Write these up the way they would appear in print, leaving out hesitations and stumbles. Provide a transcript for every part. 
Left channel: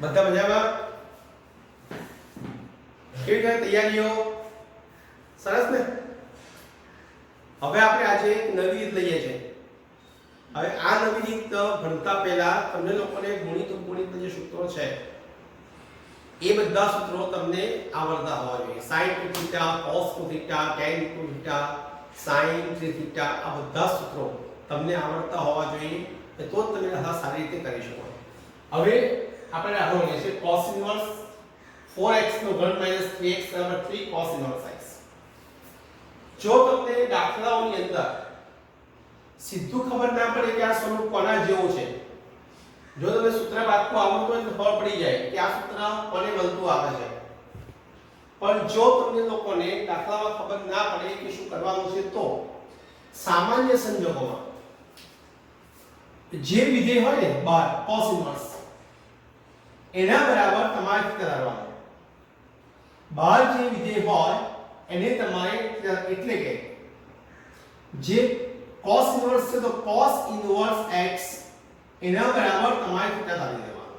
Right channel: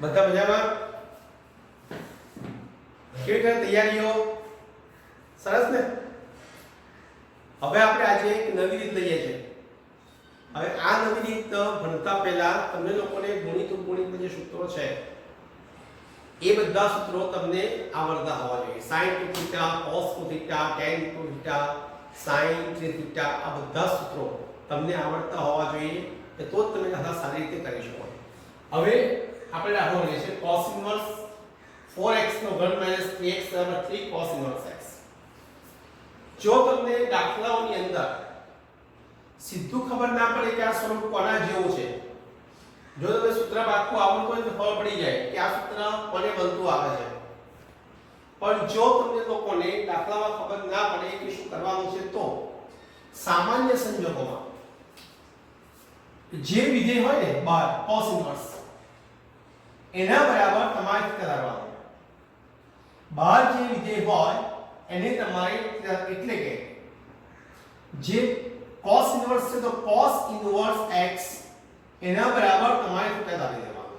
બધા મજામાં? કેવી રીતે તૈયારીઓ? સરસ ને? હવે આપણે આજે એક નવી રીત લઈએ છીએ. હવે આ નવી રીત ભણતા પહેલા તમને લોકોને ગુણિત ઉપગુણિત જે સૂત્રો છે એ બધા સૂત્રો તમને આવડતા હોવા જોઈએ. sin 2θ, cos 2θ, tan 2θ, sin 3θ, આ બધા સૂત્રો તમને આવડતા હોવા જોઈએ તો જ તમે આ સારી રીતે કરી શકો. હવે આપણે દાખલો લઈએ છીએ cos ઇન્વર્સ 4x નો ઘન 3x 3 cos ઇન્વર્સ x. જો તમને દાખલાઓની અંદર સીધું ખબર ના પડે કે આ સ્વરૂપ કોના જેવું છે, જો તમે સૂત્ર આખું આવડતું હોય તો ખબર પડી જાય કે આ સૂત્ર કોને બનતું આવે છે. પણ જો તમને લોકોને દાખલામાં ખબર ના પડે કે શું કરવાનું છે તો સામાન્ય સંજોગોમાં જે વિધેય હોય ને બાર cos ઇન્વર્સ એના બરાબર તમારે થીટા ધારવાનું. બહાર જે વિધેય હોય એને તમારે એટલે કે જે cos ઇન્વર્સ છે તો cos ઇન્વર્સ x એના બરાબર તમારે થીટા ધારી દેવાનું.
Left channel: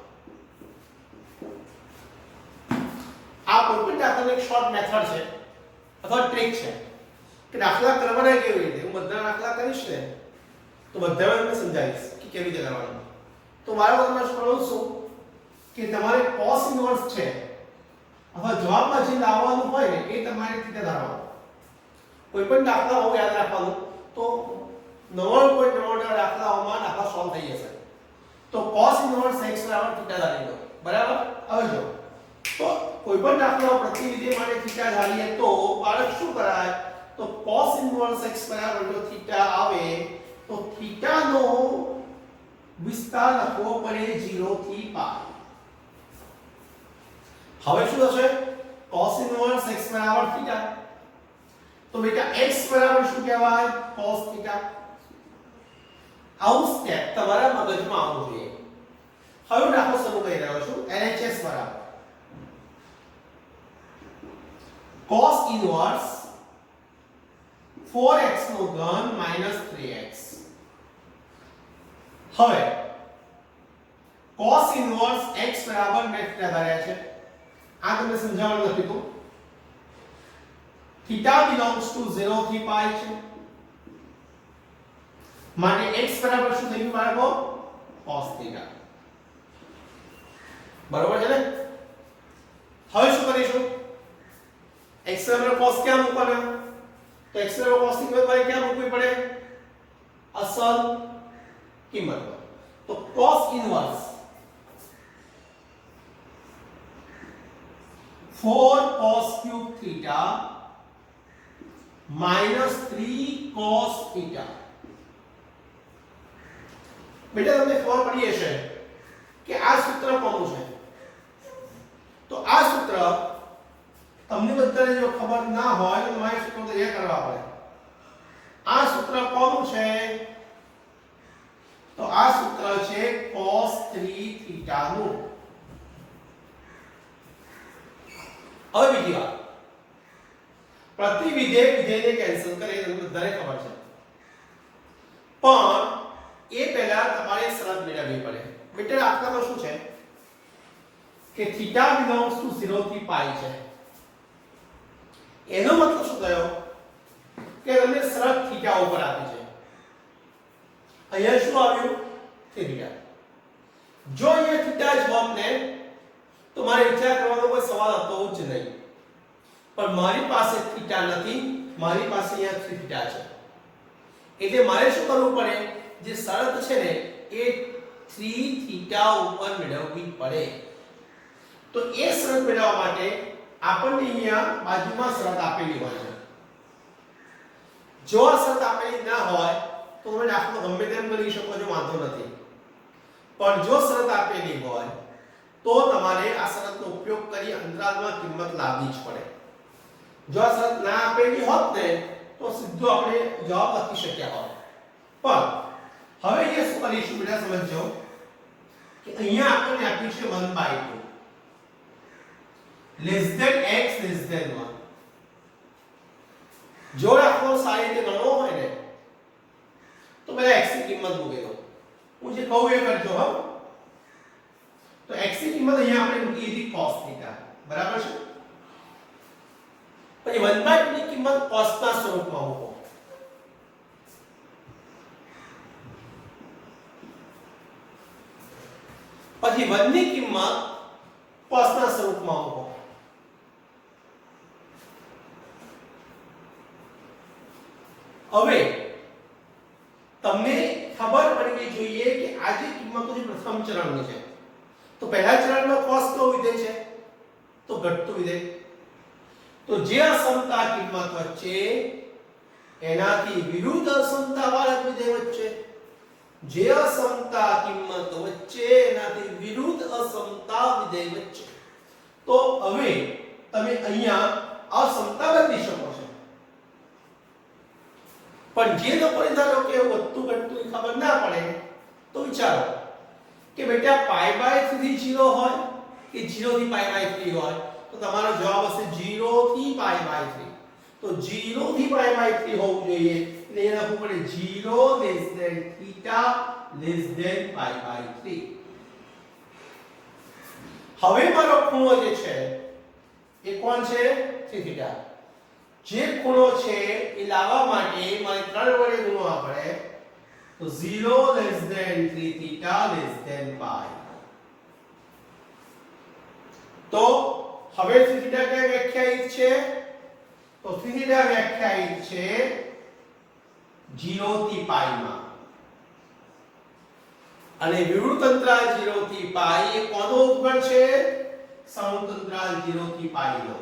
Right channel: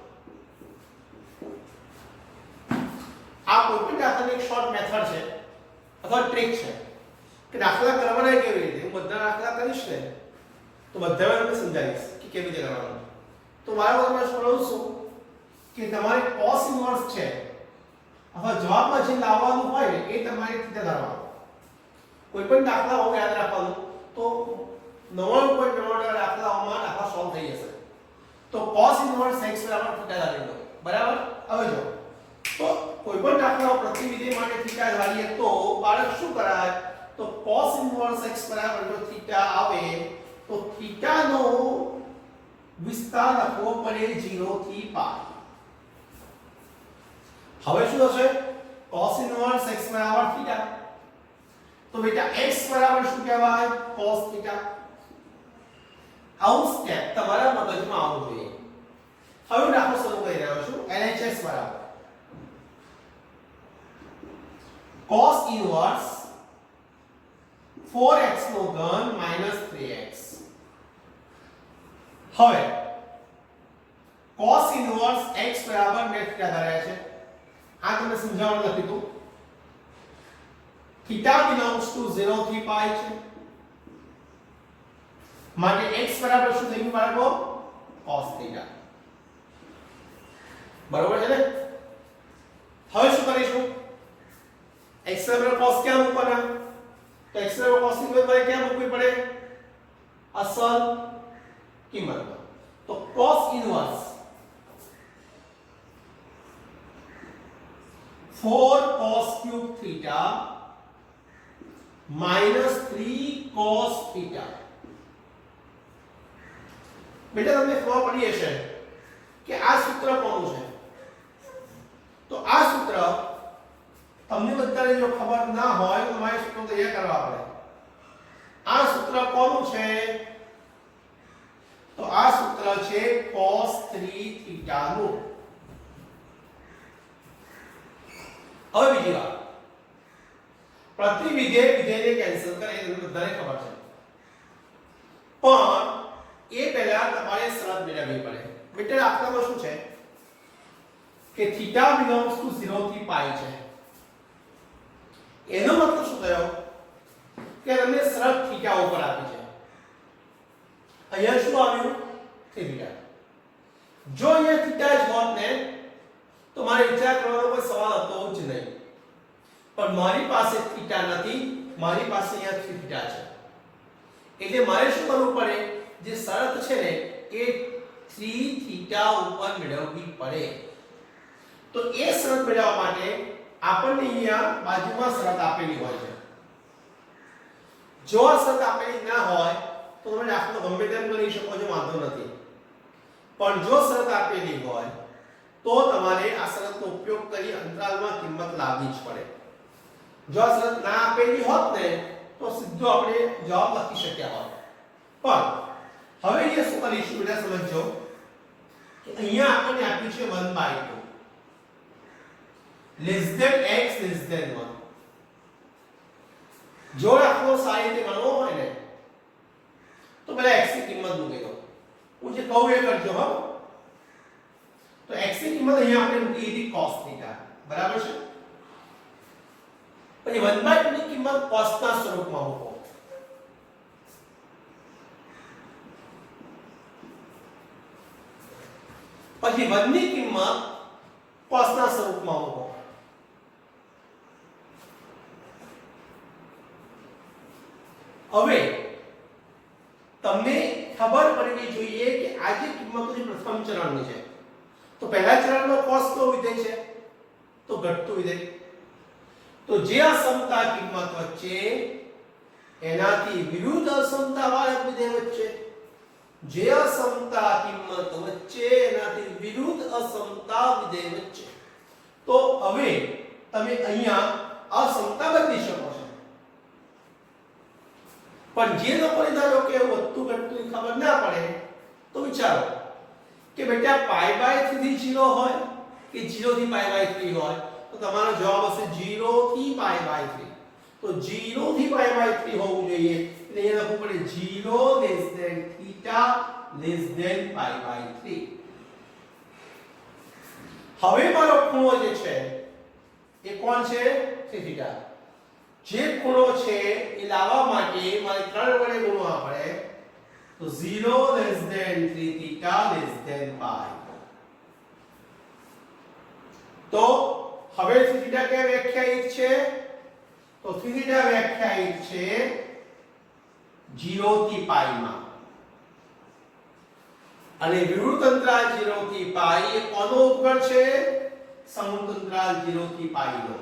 આ કોઈ પણ દાખલાની એક શોર્ટ મેથડ છે અથવા ટ્રિક છે કે દાખલા કરવાના કેવી રીતે. હું બધા દાખલા કરીશ ને તો બધામાં તમને સમજાવીશ કે કેવી રીતે કરવાનું. તો મારા તમને શું છું કે તમારે cos ઇન્વર્સ છે અથવા જવાબમાં જે લાવવાનું હોય ને એ તમારે થીટા ધારવાનું. કોઈ પણ દાખલા હોય યાદ રાખવાનું તો 99.99% દાખલાઓમાં દાખલા સોલ્વ થઈ જશે. તો cos ઇન્વર્સ x બરાબર થીટા ધારી લો. બરાબર? હવે જો તો કોઈ પણ દાખલાઓ પ્રતિ વિધેય માટે થીટા ધારીએ તો બાળક શું કરાય તો cos ઇન્વર્સ x બરાબર જો થીટા આવે તો થીટાનો વિસ્તાર લખવો પડે 0 થી π. હવે શું થશે cos ઇન્વર્સ x બરાબર થીટા તો બેટા x બરાબર શું કહેવાય cos થીટા. આવું સ્ટેપ તમારા મગજમાં આવવું જોઈએ. હવે દાખલો શરૂ કરી રહ્યો છું. LHS બરાબર cos ઇન્વર્સ 4x નો ઘન 3x. હવે cos ઇન્વર્સ x બરાબર મેં થીટા ધાર્યા છે. આ તમને સમજાવવાનું નથી તો થીટા belongs to 0 થી π છે માટે x બરાબર શું થઈ ગયું બાળકો cos થીટા. બરોબર છે ને? હવે શું કરીશું x બરાબર cos ક્યાં મૂકવાના તો x બરાબર cos ની કિંમત મારે ક્યાં મૂકવી પડે અસલ કિંમત. તો cos inverse 4 cos cube theta minus 3 cos theta. બેટા તમને ખબર પડી હશે કે આ સૂત્ર કોનું છે. તો આ સૂત્ર તમને બધાને જો ખબર ના હોય તો તમારે સૂત્રો તૈયાર કરવા પડે. આ સૂત્ર કોનું છે તો આ સૂત્ર છે cos 3 theta નું. હવે બીજી વાત પ્રતિ વિધેય વિધેયને કેન્સલ કરે એ તમને બધાને ખબર છે. પણ એ પહેલા તમારે શરત મેળવવી પડે. બેટા દાખલામાં શું છે કે થીટા belongs to 0 થી π છે. એનો મતલબ શું થયો કે તમને શરત થીટા ઉપર આપી છે. અહીંયા શું આવ્યું થીટા. જો અહીંયા થીટા જ હોત ને તો મારે વિચાર કરવાનો કોઈ સવાલ હતો જ નહીં. પણ મારી પાસે થીટા નથી, મારી પાસે અહીંયા થીટા છે. એટલે મારે શું કરવું પડે જે શરત છે ને એ 3 થીટા ઉપર મેળવવી પડે. તો એ શરત મેળવવા માટે આપણને અહીંયા બાજુમાં શરત આપેલી હોય છે. જો આ શરત આપેલી ના હોય તો તમે દાખલો ગમે તેમ કરી શકો છો, વાંધો નથી. પણ જો શરત આપેલી હોય તો તમારે આ શરતનો ઉપયોગ કરી અંતરાલમાં કિંમત લાવવી જ પડે. જો આ શરત ના આપેલી હોત ને તો સીધો આપણે જવાબ લખી શક્યા હોત. પણ હવે એ શું કરીશું બેટા સમજો કે અહીંયા આપણને આપ્યું છે 1/2 less than x less than 1. જો આખો સારી રીતે ગણવો હોય ને તો પહેલા x ની કિંમત મૂકી દો. હું જે કહું એ કરજો. હા તો x x ની કિંમત અહીંયા આપણે મૂકી દીધી cos થીટા બરાબર છે પછી 1/2 ની કિંમત cos ના સ્વરૂપમાં મૂકો પછી 1 ની કિંમત cos ના સ્વરૂપમાં મૂકો હવે તમને ખબર પડવી જોઈએ કે આ જે કિંમતો છે પ્રથમ ચરણની છે તો પહેલા ચરણમાં cos નો વિધેય છે તો ઘટતું વિધેય તો જે અસમતા કિંમત વચ્ચે એનાથી વિરુદ્ધ અસમતા વાળા વિધેય વચ્ચે જે અસમતા કિંમત વચ્ચે એનાથી વિરુદ્ધ અસમતા વિધેય વચ્ચે તો હવે તમે અહીંયા અસમતા બદલી શકો છો પણ જે લોકોને ધારો કે વધતું ઘટતું ખબર ના પડે તો વિચારો કે બેટા π/3 0 હોય કે 0 થી π/3 હોય તો તમારો જવાબ હશે 0 થી π/3 તો 0 થી π/3 હોવું જોઈએ એટલે એને લખવું પડે 0 less than theta less than π/3 હવે મારો ખૂણો જે છે એ કોણ છે 3 થીટા જે ખૂણો છે એ લાવવા માટે મારે 3 વડે ગુણવા પડે તો 0 less than 3 theta less than pi તો હવે 3 થીટા કે વ્યાખ્યાયિત છે તો 3 થીટા વ્યાખ્યાયિત છે 0 થી પાઈ માં અને વિવૃત અંતરાલ 0 થી પાઈ એ કોનો ઉપગણ છે સંયુક્ત અંતરાલ 0 થી પાઈ નો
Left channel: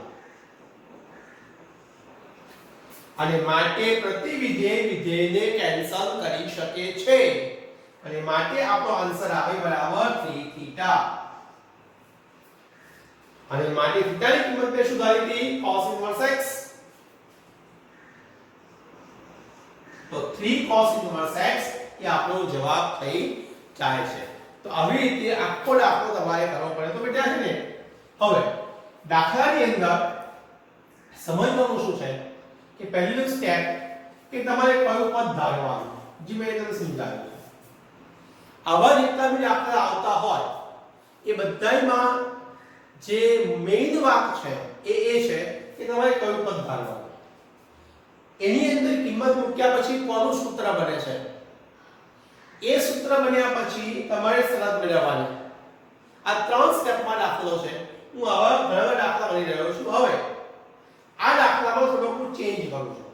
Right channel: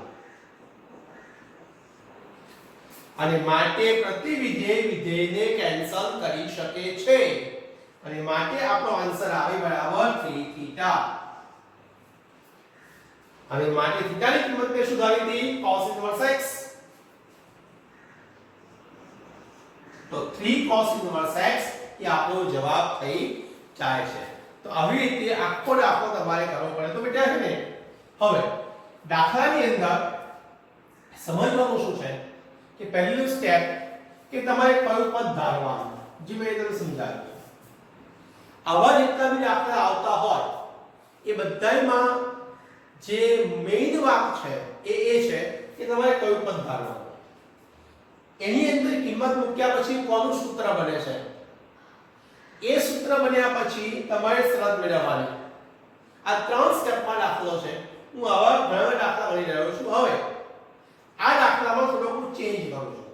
અને માટે પ્રતિવિધેય વિધેયને કેન્સલ કરી શકે છે અને માટે આપણો આન્સર આવે બરાબર 3 થીટા અને માટે થીટાની કિંમત ને સુધારી હતી cos ઇન્વર્સ x તો 3 cos ઇન્વર્સ x એ આપણો જવાબ થઈ જાય છે તો આવી રીતે આખો દાખલો તમારે કરવો પડે તો બેટા છે ને હવે દાખલાની અંદર સમજવાનું શું છે કે પહેલું સ્ટેપ કે તમારે કયું પદ ધારવાનું જે મેં તમને સમજાવ્યું આવા જેટલા બી દાખલા આવતા હોય એ બધાયમાં જે મેઇન વાત છે એ છે કે તમારે કયું પદ ધારવાનું એની અંદર કિંમત મૂક્યા પછી કોનું સૂત્ર બને છે એ સૂત્ર બન્યા પછી તમારે શરત મેળવવાની આ 3 સ્ટેપમાં દાખલો છે હું આવા ઘણા દાખલા બની રહ્યો છું હવે આ દાખલામાં થોડું હું ચેન્જ કરું છું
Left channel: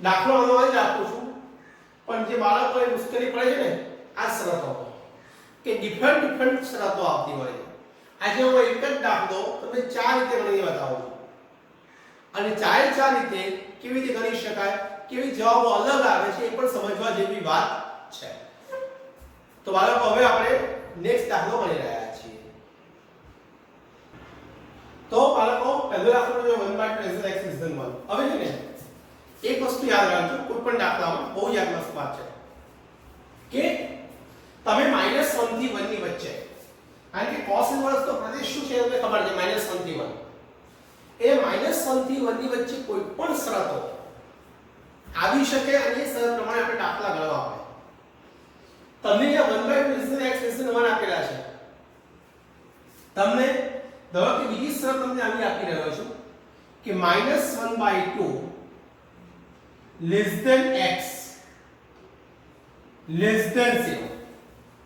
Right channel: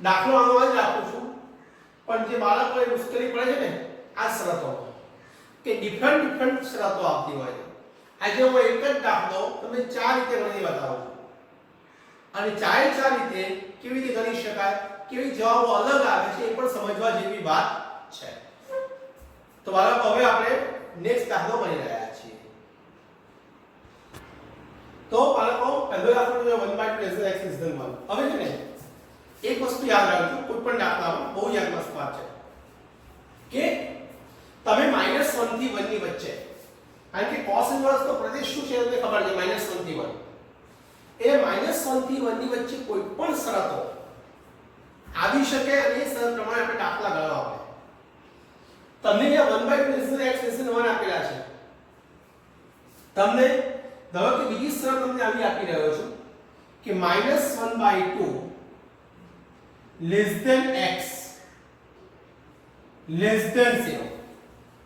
દાખલો આનો જ રાખું છું પણ જે બાળકોને મુશ્કેલી પડે છે ને આ શરતો કે ડિફરન્ટ શરતો આપતી હોય છે આજે હું એક જ દાખલો તમને 4 રીતે ગણીને બતાવું અને 4 રીતે કેવી રીતે ગણી શકાય કેવી જવાબો અલગ આવે છે એ પણ સમજવા જેવી વાત છે તો બાળકો હવે આપણે નેક્સ્ટ દાખલો ગણી રહ્યા છીએ તો બાળકો પહેલો દાખલો જો 1/2 x > 1 હવે છે ને એક વસ્તુ યાદ રાખજો કોઈ પણ દાખલામાં બહુ યાદ મસ્ત વાત છે કે તમે -1 થી 1 ની વચ્ચે કારણ કે cos ઇન્વર્સ તો પ્રદેશ શું છે તમને ખબર છે -1 થી 1 એ -1 થી 1 ની વચ્ચે કોઈ પણ શરતો આવી શકે અને એ શરત પ્રમાણે આપણે દાખલા ગણવા પડે તમને અહીંયા 1/2 x > 1 આપેલા છે તમને ધારો કે બીજી શરત તમને આવી આપી રહ્યો છું કે -1/2 less than x less than 0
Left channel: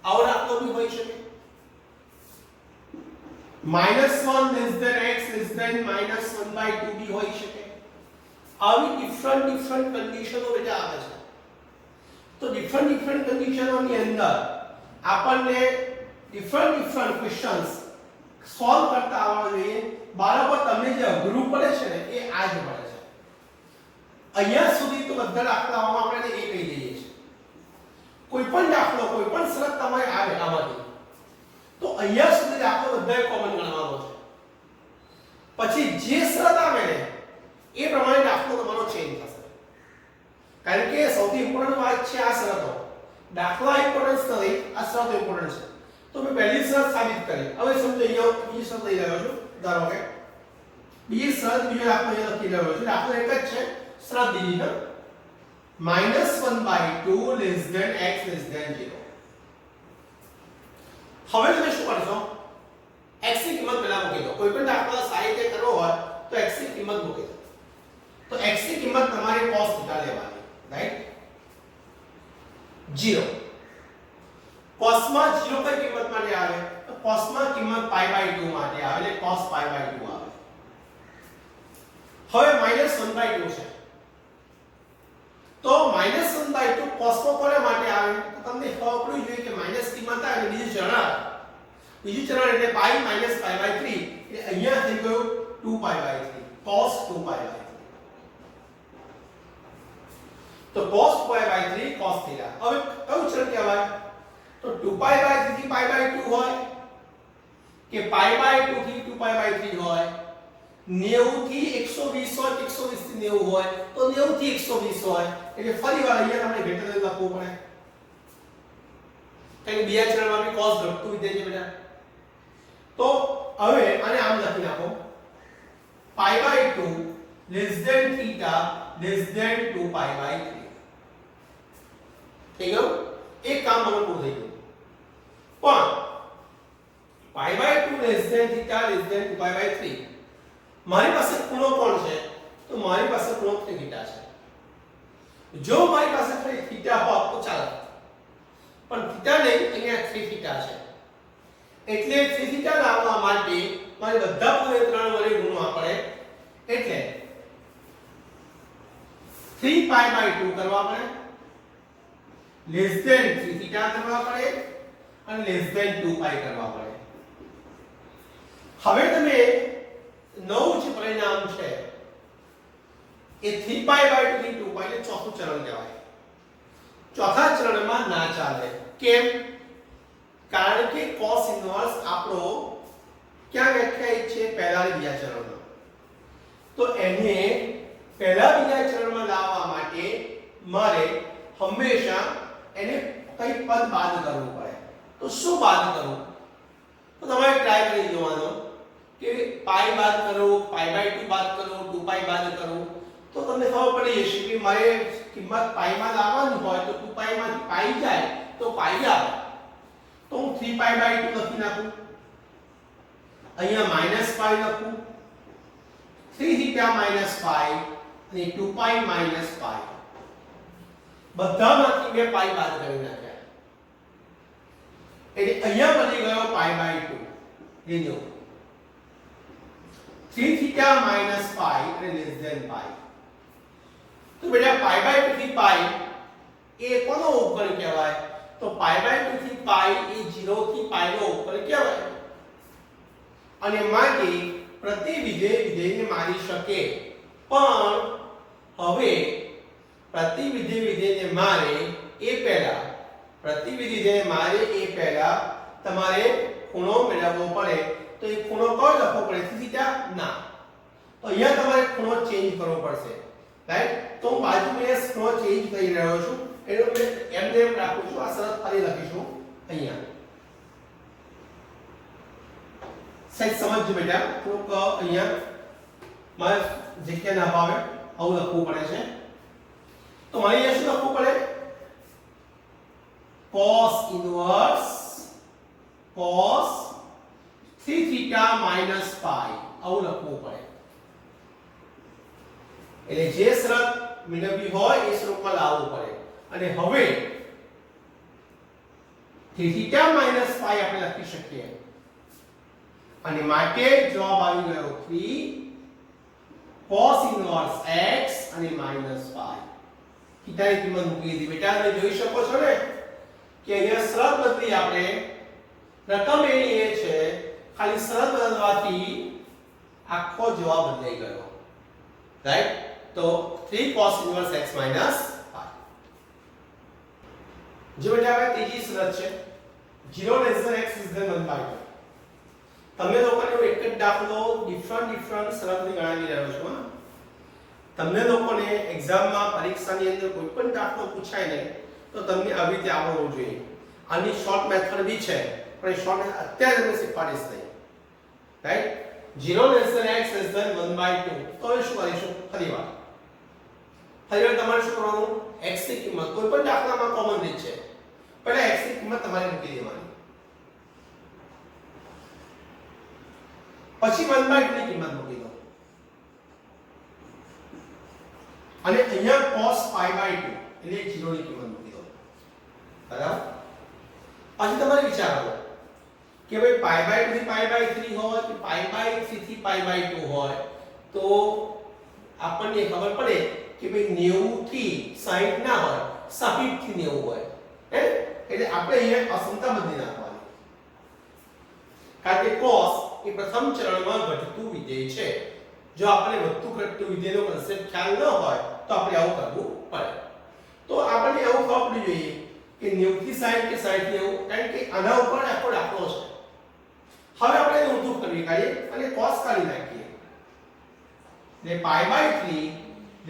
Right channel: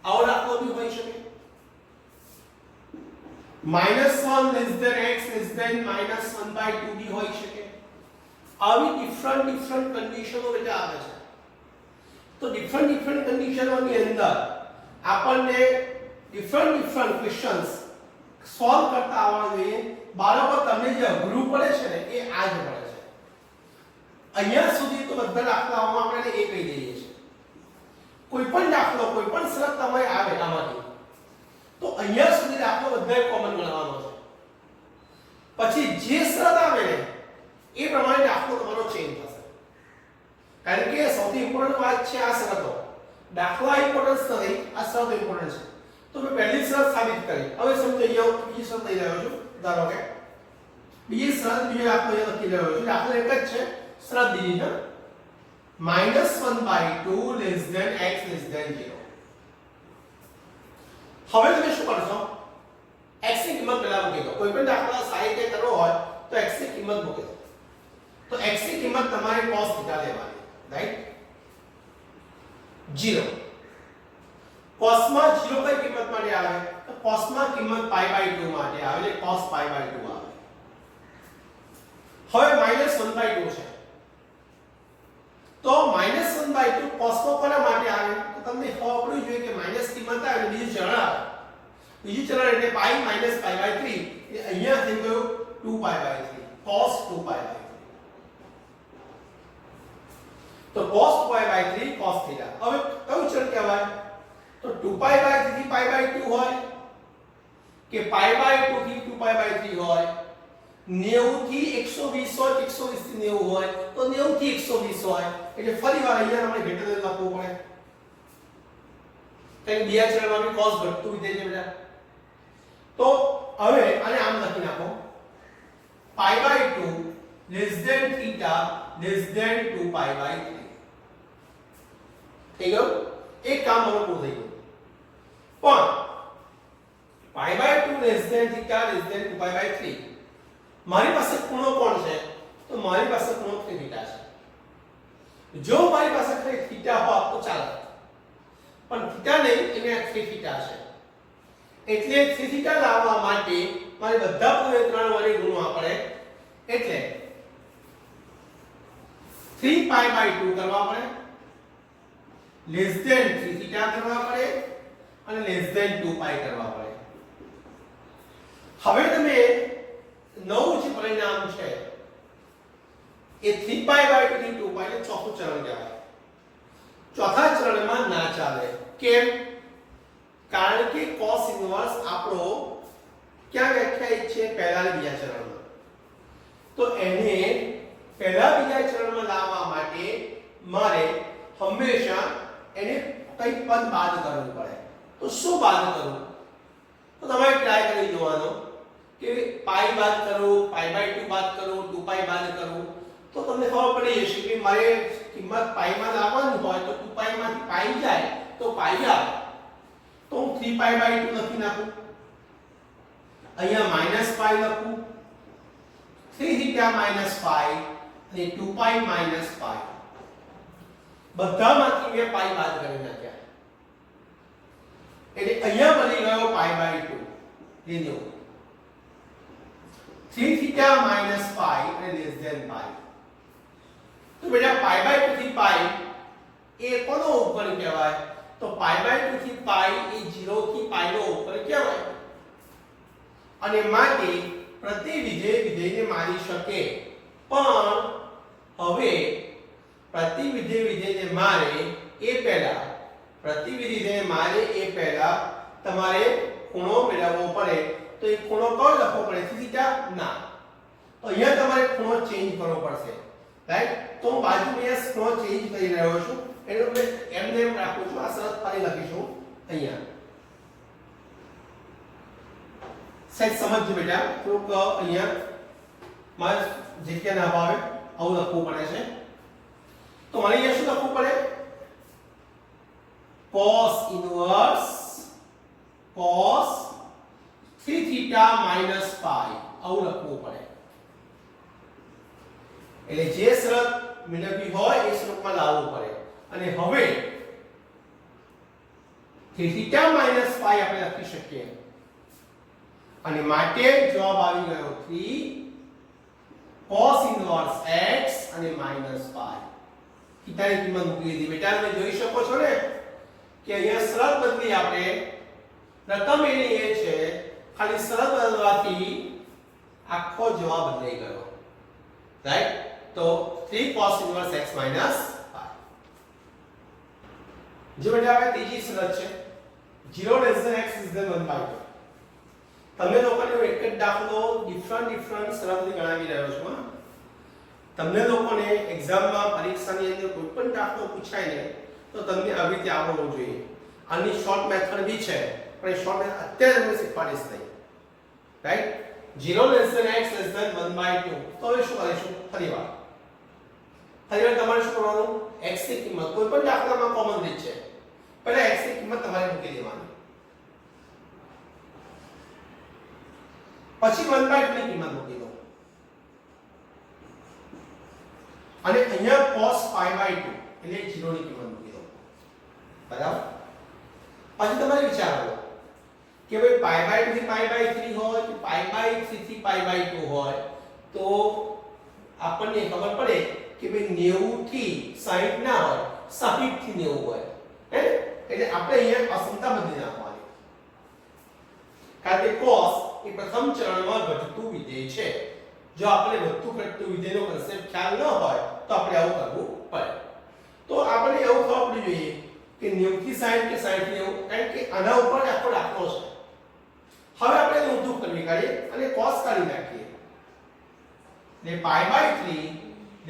આવો દાખલો બી હોઈ શકે -1 less than x less than -1/2 બી હોઈ શકે આવી ડિફરન્ટ કન્ડિશનો બેટા આવે છે તો ડિફરન્ટ કન્ડિશનોની અંદર આપણને ડિફરન્ટ ક્વેશ્ચન્સ સોલ્વ કરતા આવડવું જોઈએ બાળકો તમને જે અઘરું પડે છે ને એ આ જ પડે છે અહીંયા સુધી તો બધા દાખલાઓમાં આપણે એ કહી દઈએ છીએ કોઈ પણ દાખલો કોઈ પણ શરત તમારે આવે આમાંથી તો અહીંયા સુધી દાખલો બધાએ કોમન ગણવાનો છે પછી જે શરત આવે ને એ પ્રમાણે દાખલો તમારો ચેન્જ થશે કારણ કે સૌથી ઇમ્પોર્ટન્ટ વાત છે આ શરતો દાખલા ઇમ્પોર્ટન્સ નથી આ શરતો ઇમ્પોર્ટન્ટ છે તો મેં પહેલી શરત સાબિત કરી હવે સમજી જાઓ બીજી શરત લઈ રહ્યો છું ધારો કે બીજી શરત બીજો દાખલો અહીંયા લખી રહ્યો છું દાખલો એક જ છે શરત બીજી છે -1/2 less than x less than 0 હવે તમે શું કરશો x ની કિંમત પહેલા મૂકી દો. કોઈ પણ દાખલો સાહિત્ય કરવો હોય તો x ની કિંમત મૂકી દો. તો x ની કિંમત તમારે cos થીટા લેવાની, રાઈટ? 0. cos માં 0 કઈ કિંમત માટે આવે? તો cos માં કિંમત pi/2 માટે આવે, એટલે cos pi/2 આવે. હવે -1/2 છે, તો -1/2 cos માં કોના માટે આવે? તો તમને ખબર પડવી જોઈએ કે માઈનસ કિંમત આવે બીજું ચરણ આવે. બીજું ચરણ એટલે pi - pi/3, એટલે અહીંયા થઈ ગયું 2pi/3, cos 2pi/3. તો cos 2pi/3 cos થીટા. હવે કયું ચરણ કહેવાય? તો 2pi/3 થી pi/2 હોય કે pi/2 થી 2pi/3 હોય, 90 થી 120 હોય કે 120 થી 90 હોય, તો 90 થી 120 હોય. એટલે ફરીવાર અહીંયા આપણે ઘટાડે લખવું પડે, કારણ કે બીજા ચરણમાં બી cos ઘટતું વિધેય છે બેટા. તો હવે આને આમ લખી નાખો, pi/2 θ < 2pi/3. થઈ ગયું? એક કામ મને પૂરું થઈ ગયું. પણ pi/2 θ < 2pi/3 મારી પાસે ખૂણો કોણ છે? તો મારી પાસે ખૂણો θ છે. જો મારી પાસે ખાલી θ હોત તો ચાલે, પણ θ નહીં, અહીંયા 3θ છે. એટલે 3θ લાવવા માટે મારે બધા પૂર્ણાંક વડે ગુણવા પડે, એટલે 3pi/2 કરવા પડે, <3θ કરવા પડે અને <2pi કરવા પડે. હવે તમે નવું જે પરિણામ છે એ 3pi/2 થી 2pi એટલે ચોથું ચરણ કહેવાય. ચોથા ચરણમાં ના ચાલે. કેમ? કારણ કે cos ઇન્વર્સ આપણો ક્યાં વ્યાખ્યાયિત છે? પહેલા બીજા ચરણમાં. તો એને પહેલા બીજા ચરણમાં લાવવા માટે મારે હંમેશા એને કઈ પદ બાદ કરવું પડે. તો શું બાદ કરવું? તો તમારે ટ્રાય કરી જોવાનો કે પાઈ બાદ કરો, pi/2 બાદ કરો, 2pi બાદ કરો, તો તમને ખબર પડી જશે કે મારે કિંમત પાઈ માં લાવવાની હોય તો 2pi માંથી પાઈ જાય તો પાઈ આવે. તો હું 3pi/2 લખી નાખું, અહીંયા -pi લખું, 3θ - pi અને 2pi - pi. બધામાંથી મેં પાઈ બાદ કરી નાખ્યા, એટલે અહીંયા બની ગયો pi/2. લીધો 3θ - pi અને pi. તો બેટા pi/2 થી pi એ કોનો ઉપગણ કહેવાય? તો pi/2 થી pi એ 0 થી pi નો ઉપગણ કહેવાય. અને માટે પ્રતિ વિધેયને મારી શકે, પણ હવે પ્રતિ વિધેયને મારે એ પહેલા તમારે ખૂણો મેળવવો પડે. તો એ ખૂણો કયો લખવો પડે? θ? ના, તો અહીંયા તમારે ખૂણો ચેન્જ કરવો પડશે, રાઈટ? તો હું બાજુમાં ખૂણો ચેન્જ કરી રહ્યો છું, એટલે મેં એમને એમ રાખું છું. આ શરત ફરી લખીશું અહીંયા. સાહેબ સમજજો બેટા, થોડુંક અહીંયા મારે જગ્યા ના ભાવે આવું લખવું પડે છે. તો મારે અહીંયા શું લખવું પડે? cos ઇન્વર્સ cos 3θ - pi આવું લખવું પડે. એટલે જે શરત મેળવી હોય એ સ્વરૂપમાં લાવવું પડે. અને હવે 3θ - pi આપણે લખી શકીએ, અને માટે જવાબ આવી ગયો 3 cos ઇન્વર્સ x અને -pi. θની કિંમત મૂકી દીધી. બેટા તમે જોઈ શકો છો ને કે અહીંયા શરત બદલી આપણે. રકમ એની એ છે, ખાલી શરત બદલવાથી આખો જવાબ બદલાઈ ગયો, રાઈટ? તો 3 cos ઇન્વર્સ x - pi. જો બેટા હવે ત્રીજી શરત છે 0 < x < 1/2. તમે લોકોને એક જ દાખલો ડિફરન્ટ શરતથી ગણાવી રહ્યો છું. તમને લોકોને એક્ઝામમાં પરીક્ષાની અંદર કોઈ પણ દાખલો પૂછાય ને તો તમને આવી રીતે આવડવું જોઈએ. આની શોર્ટ મેથડ બી છે, પણ એ શોર્ટ મેથડ અત્યારે તમને શીખવાડીશ નહીં, રાઈટ? 0 < x < 1/2. તો હવે શું કરીશું? ફરીવાર તમારે શું કરવાનું? x ની કિંમત કોઈ પણ દાખલામાં કોમન રીત છે, પહેલા x ની કિંમત તમારે મૂકી દેવાની. પછી 1/2 ની કિંમત મૂકી દો અને અહીંયા cos π/2 એટલે 0 ની કિંમત મૂકી દો. બરાબર. પછી તમારે વિચારવાનું કે ભાઈ π/2 થી π/3 હોય કે π/3 થી π/2 હોય તો આપણને ખબર પડે કે ભાઈ 90 થી 60 ના હોય, 60 થી 90 હોય. હે? એટલે આપણે અહીંયા અસમતા બદલી નાખવાની. કારણ કે cos એ પ્રથમ ચરણમાં ઘટતું વિધેય છે. જો આપણે વધતું ઘટતું વિધેયનો કન્સેપ્ટ ખ્યાલ ન હોય તો આપણે આવું કરવું પડે. તો આપણે એવું ખબર પડી જોઈએ કે 90 થી 60 કે 60 થી 90, કારણ કે આના ઉપર આખો દાખલો છે. હવે આપણે એને ઊંધું કરી કાઢીએ અને cos કાઢી નાખીએ. ને π/3 θ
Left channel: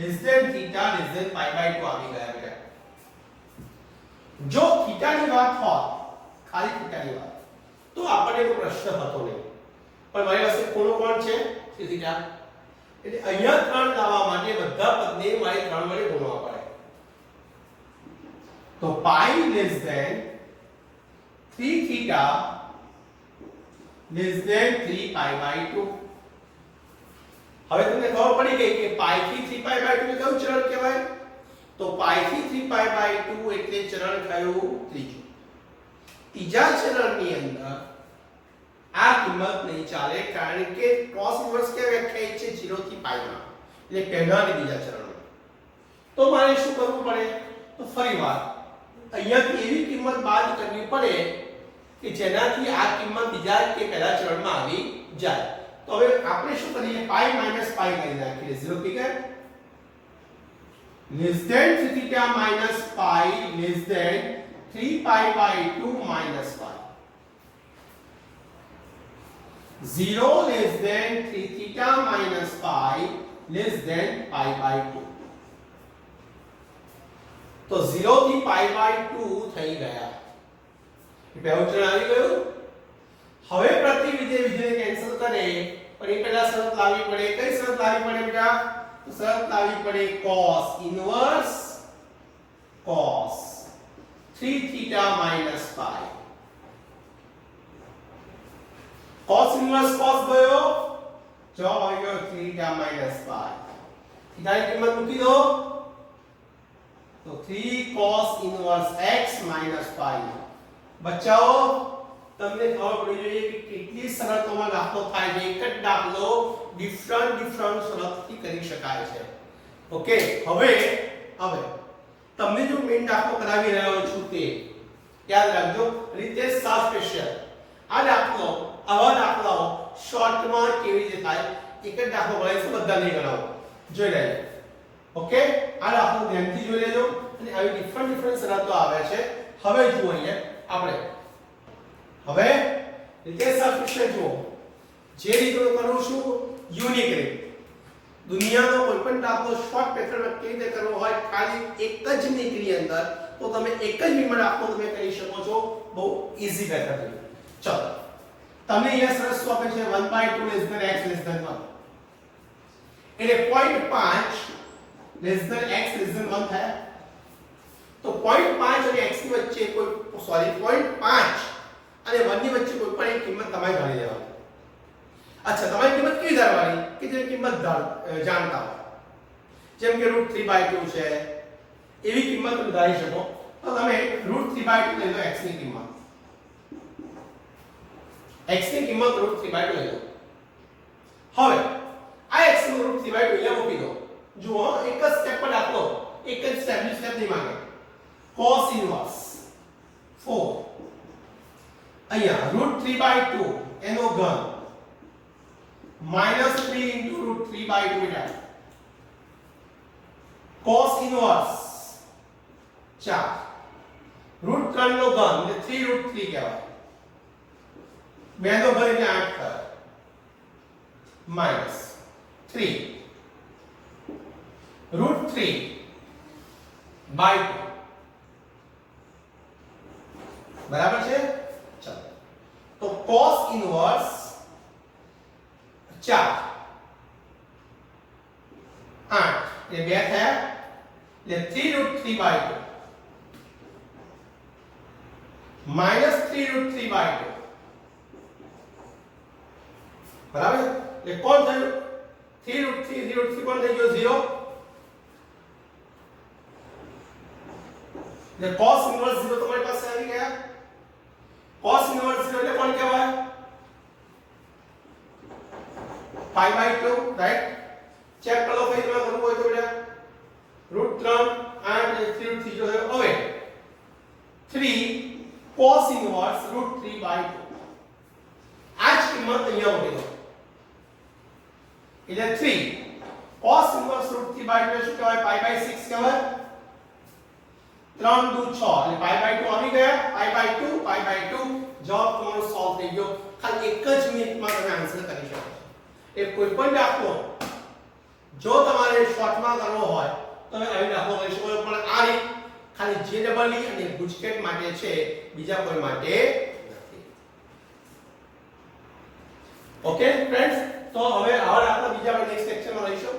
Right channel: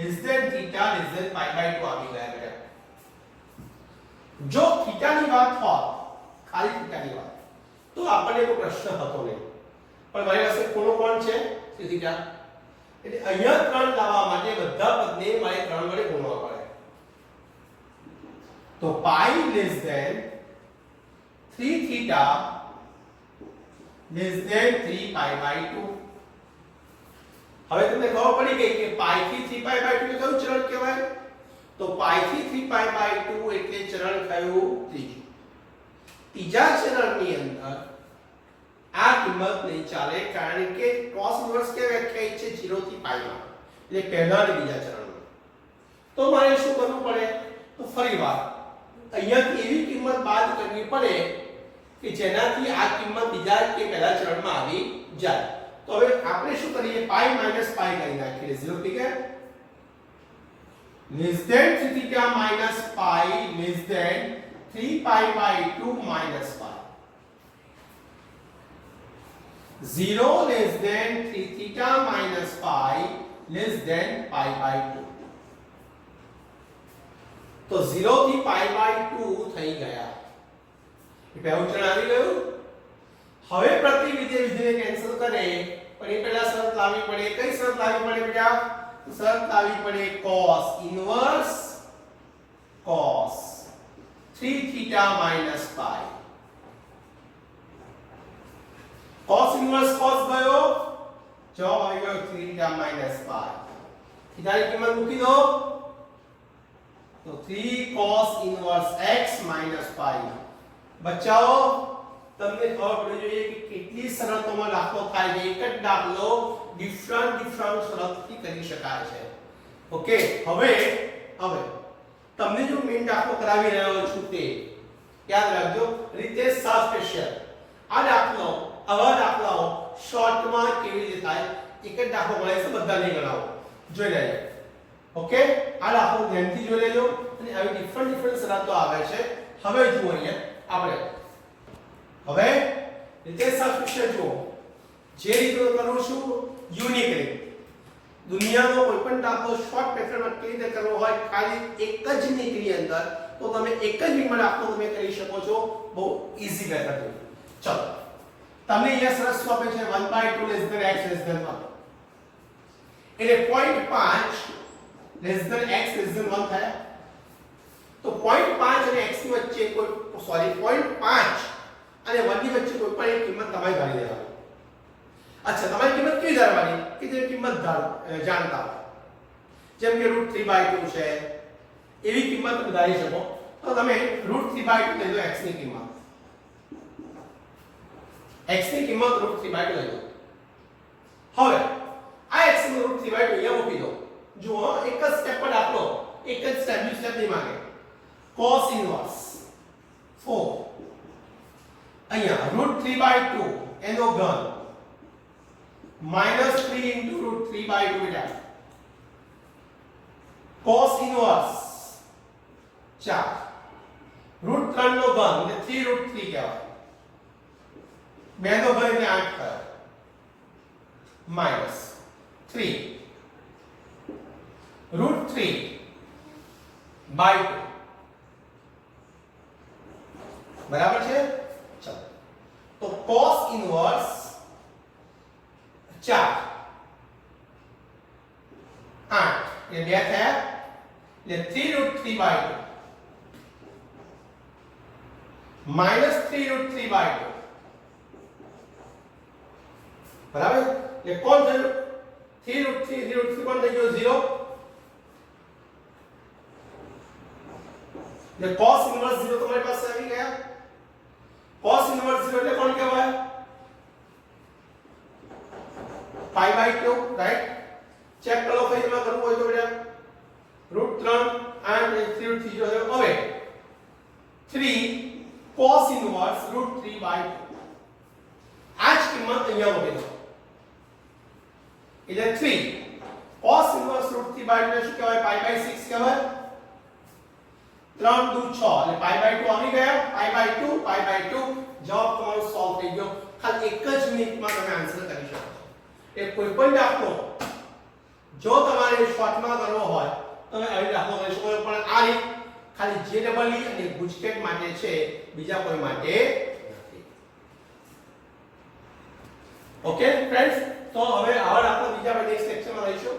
π/2 આવી ગયા છે. જો થીટાની વાત હોય, ખાલી થીટાની વાત, તો આપણને કોઈ પ્રશ્ન હતો નહીં. પણ મારી પાસે ખૂણો કોણ છે? થીટા. એટલે અહીંયા 3 લાવવા માટે બધા પદને મારે 3 વડે ગુણવા પડે. તો π less than 3 theta less than 3 π/2. હવે તમને ખબર પડી ગઈ કે π થી 3 π/2 કયું ચરણ કહેવાય? તો π થી 3 π/2 એટલે ચરણ કયું? ત્રીજું. ત્રીજા ચરણની અંદર આ કિંમત નહીં ચાલે, કારણ કે cos ઇન્વર્સ કે વ્યાખ્યાયિત છે 0 થી π માં, એટલે પહેલા અને બીજા ચરણમાં. તો મારે શું કરવું પડે? તો ફરીવાર અહીંયાથી એવી કિંમત બાદ કરવી પડે કે જેનાથી આ કિંમત બીજા કે પહેલા ચરણમાં આવી જાય. તો હવે આપણે શું કરીએ? π - π કરી નાખીએ. 0 થી કે less than 3 theta minus pi less than 3 π/2 minus pi. 0 less than 3 theta minus pi less than π/2. તો 0 થી π/2 થઈ ગયા. એ પહેલું ચરણ આવી ગયું. હવે પ્રતિવિધેય વિધેયને કેન્સલ કરે, પણ એ પહેલા શરત લાવવી પડે. કઈ શરત લાવવી પડે બેટા? તો શરત લાવવી પડે cos inverse cos 3 theta minus pi. cos inverse cos ગયો, જો આવી ગયો 3 theta minus pi. theta ની કિંમત મૂકી દો તો 3 cos inverse x minus pi. બચ્ચાઓ તમને ખબર પડી જોઈએ કે કેટલી શરતોમાં દાખલો થાય છે. એક જ દાખલો ડિફરન્ટ શરતથી કરી શકાય છે. ઓકે. હવે તમને જો મેઈન દાખલો કરાવી રહ્યો છું તે યાદ રાખજો. રીતેશ શાહ સ્પેશિયલ. આ દાખલો, આવા દાખલાઓ શોર્ટમાં કેવી રીતે થાય? એક જ દાખલો ગણાય છે, બધા નહીં ગણાવો. જોઈ લેજો. ઓકે. આ દાખલો ધ્યાનથી જોઈ લેજો અને આવી ડિફરન્ટ શરતો આવે છે. હવે જુઓ અહીંયા આપણે હવે રીતેશ શાહ સ્પેશિયલ જુઓ. જે રીતે કરું છું યુનિક રીત. દુનિયાનો કોઈ પણ દાખલો શોર્ટ મેથડમાં કેવી રીતે કરવો હોય, ખાલી એક જ મિનિટની અંદર, તો તમે એક જ મિનિટમાં દાખલો તમે કરી શકો છો. બહુ ઈઝી મેથડ છે. ચલો, તમને અહીંયા સરસ શું આપે છે? 1/2 less than x less than 1. એટલે 0.5 less than x less than 1 થયા. તો 0.5 અને x ની વચ્ચે કોઈ 0.5 અને 1 ની વચ્ચે કોઈ પણ એક કિંમત તમારે ધારી દેવાની. અચ્છા, તમારી કિંમત કેવી ધારવાની? કે જે કિંમત જાણતા હોય, જેમ કે √3/2 છે, એવી કિંમત તમે ધારી શકો. તો તમે √3/2 લઈ લો. x ની કિંમત √3/2 લઈ લો. હવે આ x નું √3/2 અહીંયા મૂકી દો. જુઓ, એક જ સ્ટેપ પર દાખલો, એક જ સ્ટેપ નહીં માંગે. cos ઇન્વર્સ 4 અહીંયા √3/2 એનો ઘન -3 into √3/2 બેટા. cos ઇન્વર્સ 4 √3 નો ઘન એટલે 3√3 કહેવાય. 2 નો ઘન એટલે 8 થયો. -3 √3/2 બરાબર છે. ચલો, તો cos ઇન્વર્સ 4 8 એટલે 2 થયા એટલે 3√3/2 -3√3/2 બરાબર એટલે કોણ થયું 3√3 √3 કોણ થઈ ગયો 0 એટલે cos ઇન્વર્સ 0 તમારી પાસે આવી ગયા cos ઇન્વર્સ 0 એટલે કોણ કહેવાય π/2 રાઈટ ચેક કરો પેજમાં કરવું હોય તો બેટા √3 and 3√3 જો હવે 3 cos ઇન્વર્સ √3/2 આ જ કિંમત અહીંયા મૂકી દો એટલે 3 cos ઇન્વર્સ √3/2 શું કહેવાય π/6 કહેવાય 3 2 6 એટલે π/2 આવી ગયા π/2 જવાબ તમારો સોલ્વ થઈ ગયો ખાલી એક જ મિનિટમાં તમે આન્સર કરી શકો એ કોઈ પણ દાખલો જો તમારે શોર્ટમાં કરવો હોય તો તમે આવી દાખલો કરી શકો પણ આ રીત ખાલી JEE અને ગુજકેટ માટે છે બીજા કોઈ માટે નથી ઓકે ફ્રેન્ડ્સ તો હવે આવા દાખલા બીજા આપણે નેક્સ્ટ લેક્ચરમાં લઈશું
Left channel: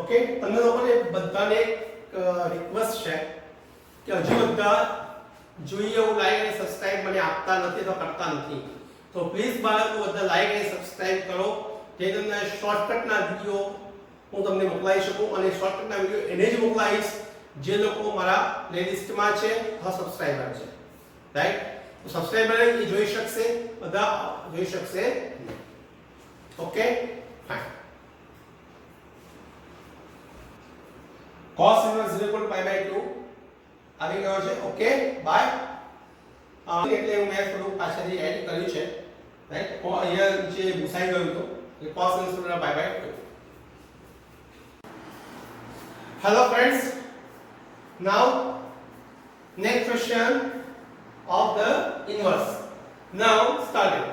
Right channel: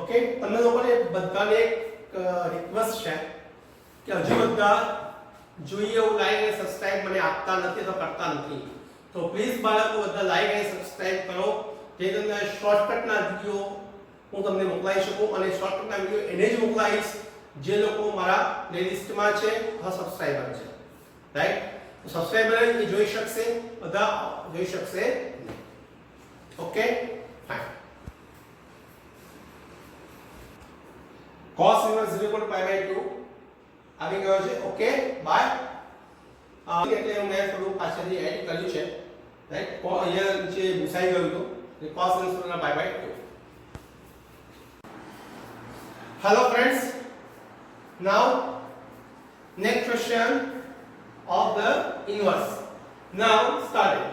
ઓકે તમને લોકોને બધાને રિક્વેસ્ટ છે કે હજુ બધા જોઈએ એવું લાઈક અને સબસ્ક્રાઇબ મને આપતા નથી તો કરતા નથી તો પ્લીઝ બાળકો બધા લાઈક અને સબસ્ક્રાઇબ કરો જે તમને શોર્ટકટના વિડિયો હું તમને મોકલાવી શકું અને શોર્ટકટના વિડિયો એને જ મોકલાવીશ જે લોકો મારા પ્લેલિસ્ટમાં છે અથવા સબસ્ક્રાઇબર છે રાઈટ તો સબસ્ક્રાઇબર એ જોઈ શકશે બધા જોઈ શકશે ઓકે ફાઇન cos inverse 0 π/2 આવી ગયો છે ઓકે બાય એટલે હું મેં થોડું પાછળથી એડ કર્યું છે રાઈટ અહીંયા જે ભૂસાઈ ગયું હતું કે cos inverse π/2 hello friends now next question of the inverse now starting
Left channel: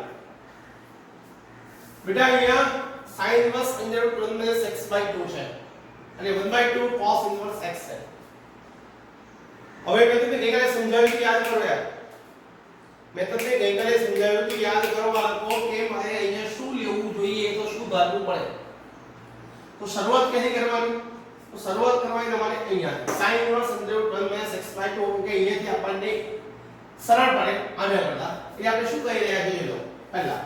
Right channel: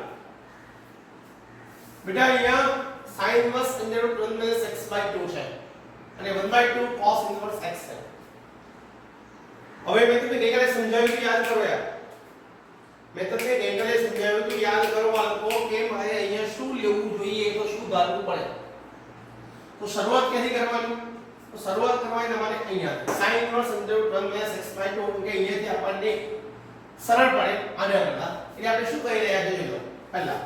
બેટા અહીંયા sin inverse under root 1 minus x/2 છે અને 1/2 cos inverse x છે હવે મેં તમને ગઈકાલે સમજાવ્યું કે યાદ કરો યાર મેં તમને ગઈકાલે સમજાવ્યું કે યાદ કરો બાળકો કે મારે અહીંયા શું લેવું જોઈએ તો શું ધારવું પડે તો શરૂઆત ક્યાંથી કરવાની તો શરૂઆત કરવાની તમારે અહીંયા sin inverse under root 1 minus x/2 કે અહીંયાથી આપણને સરળ પડે આને પહેલા એટલે આપણે શું કરી રહ્યા છીએ જો પહેલા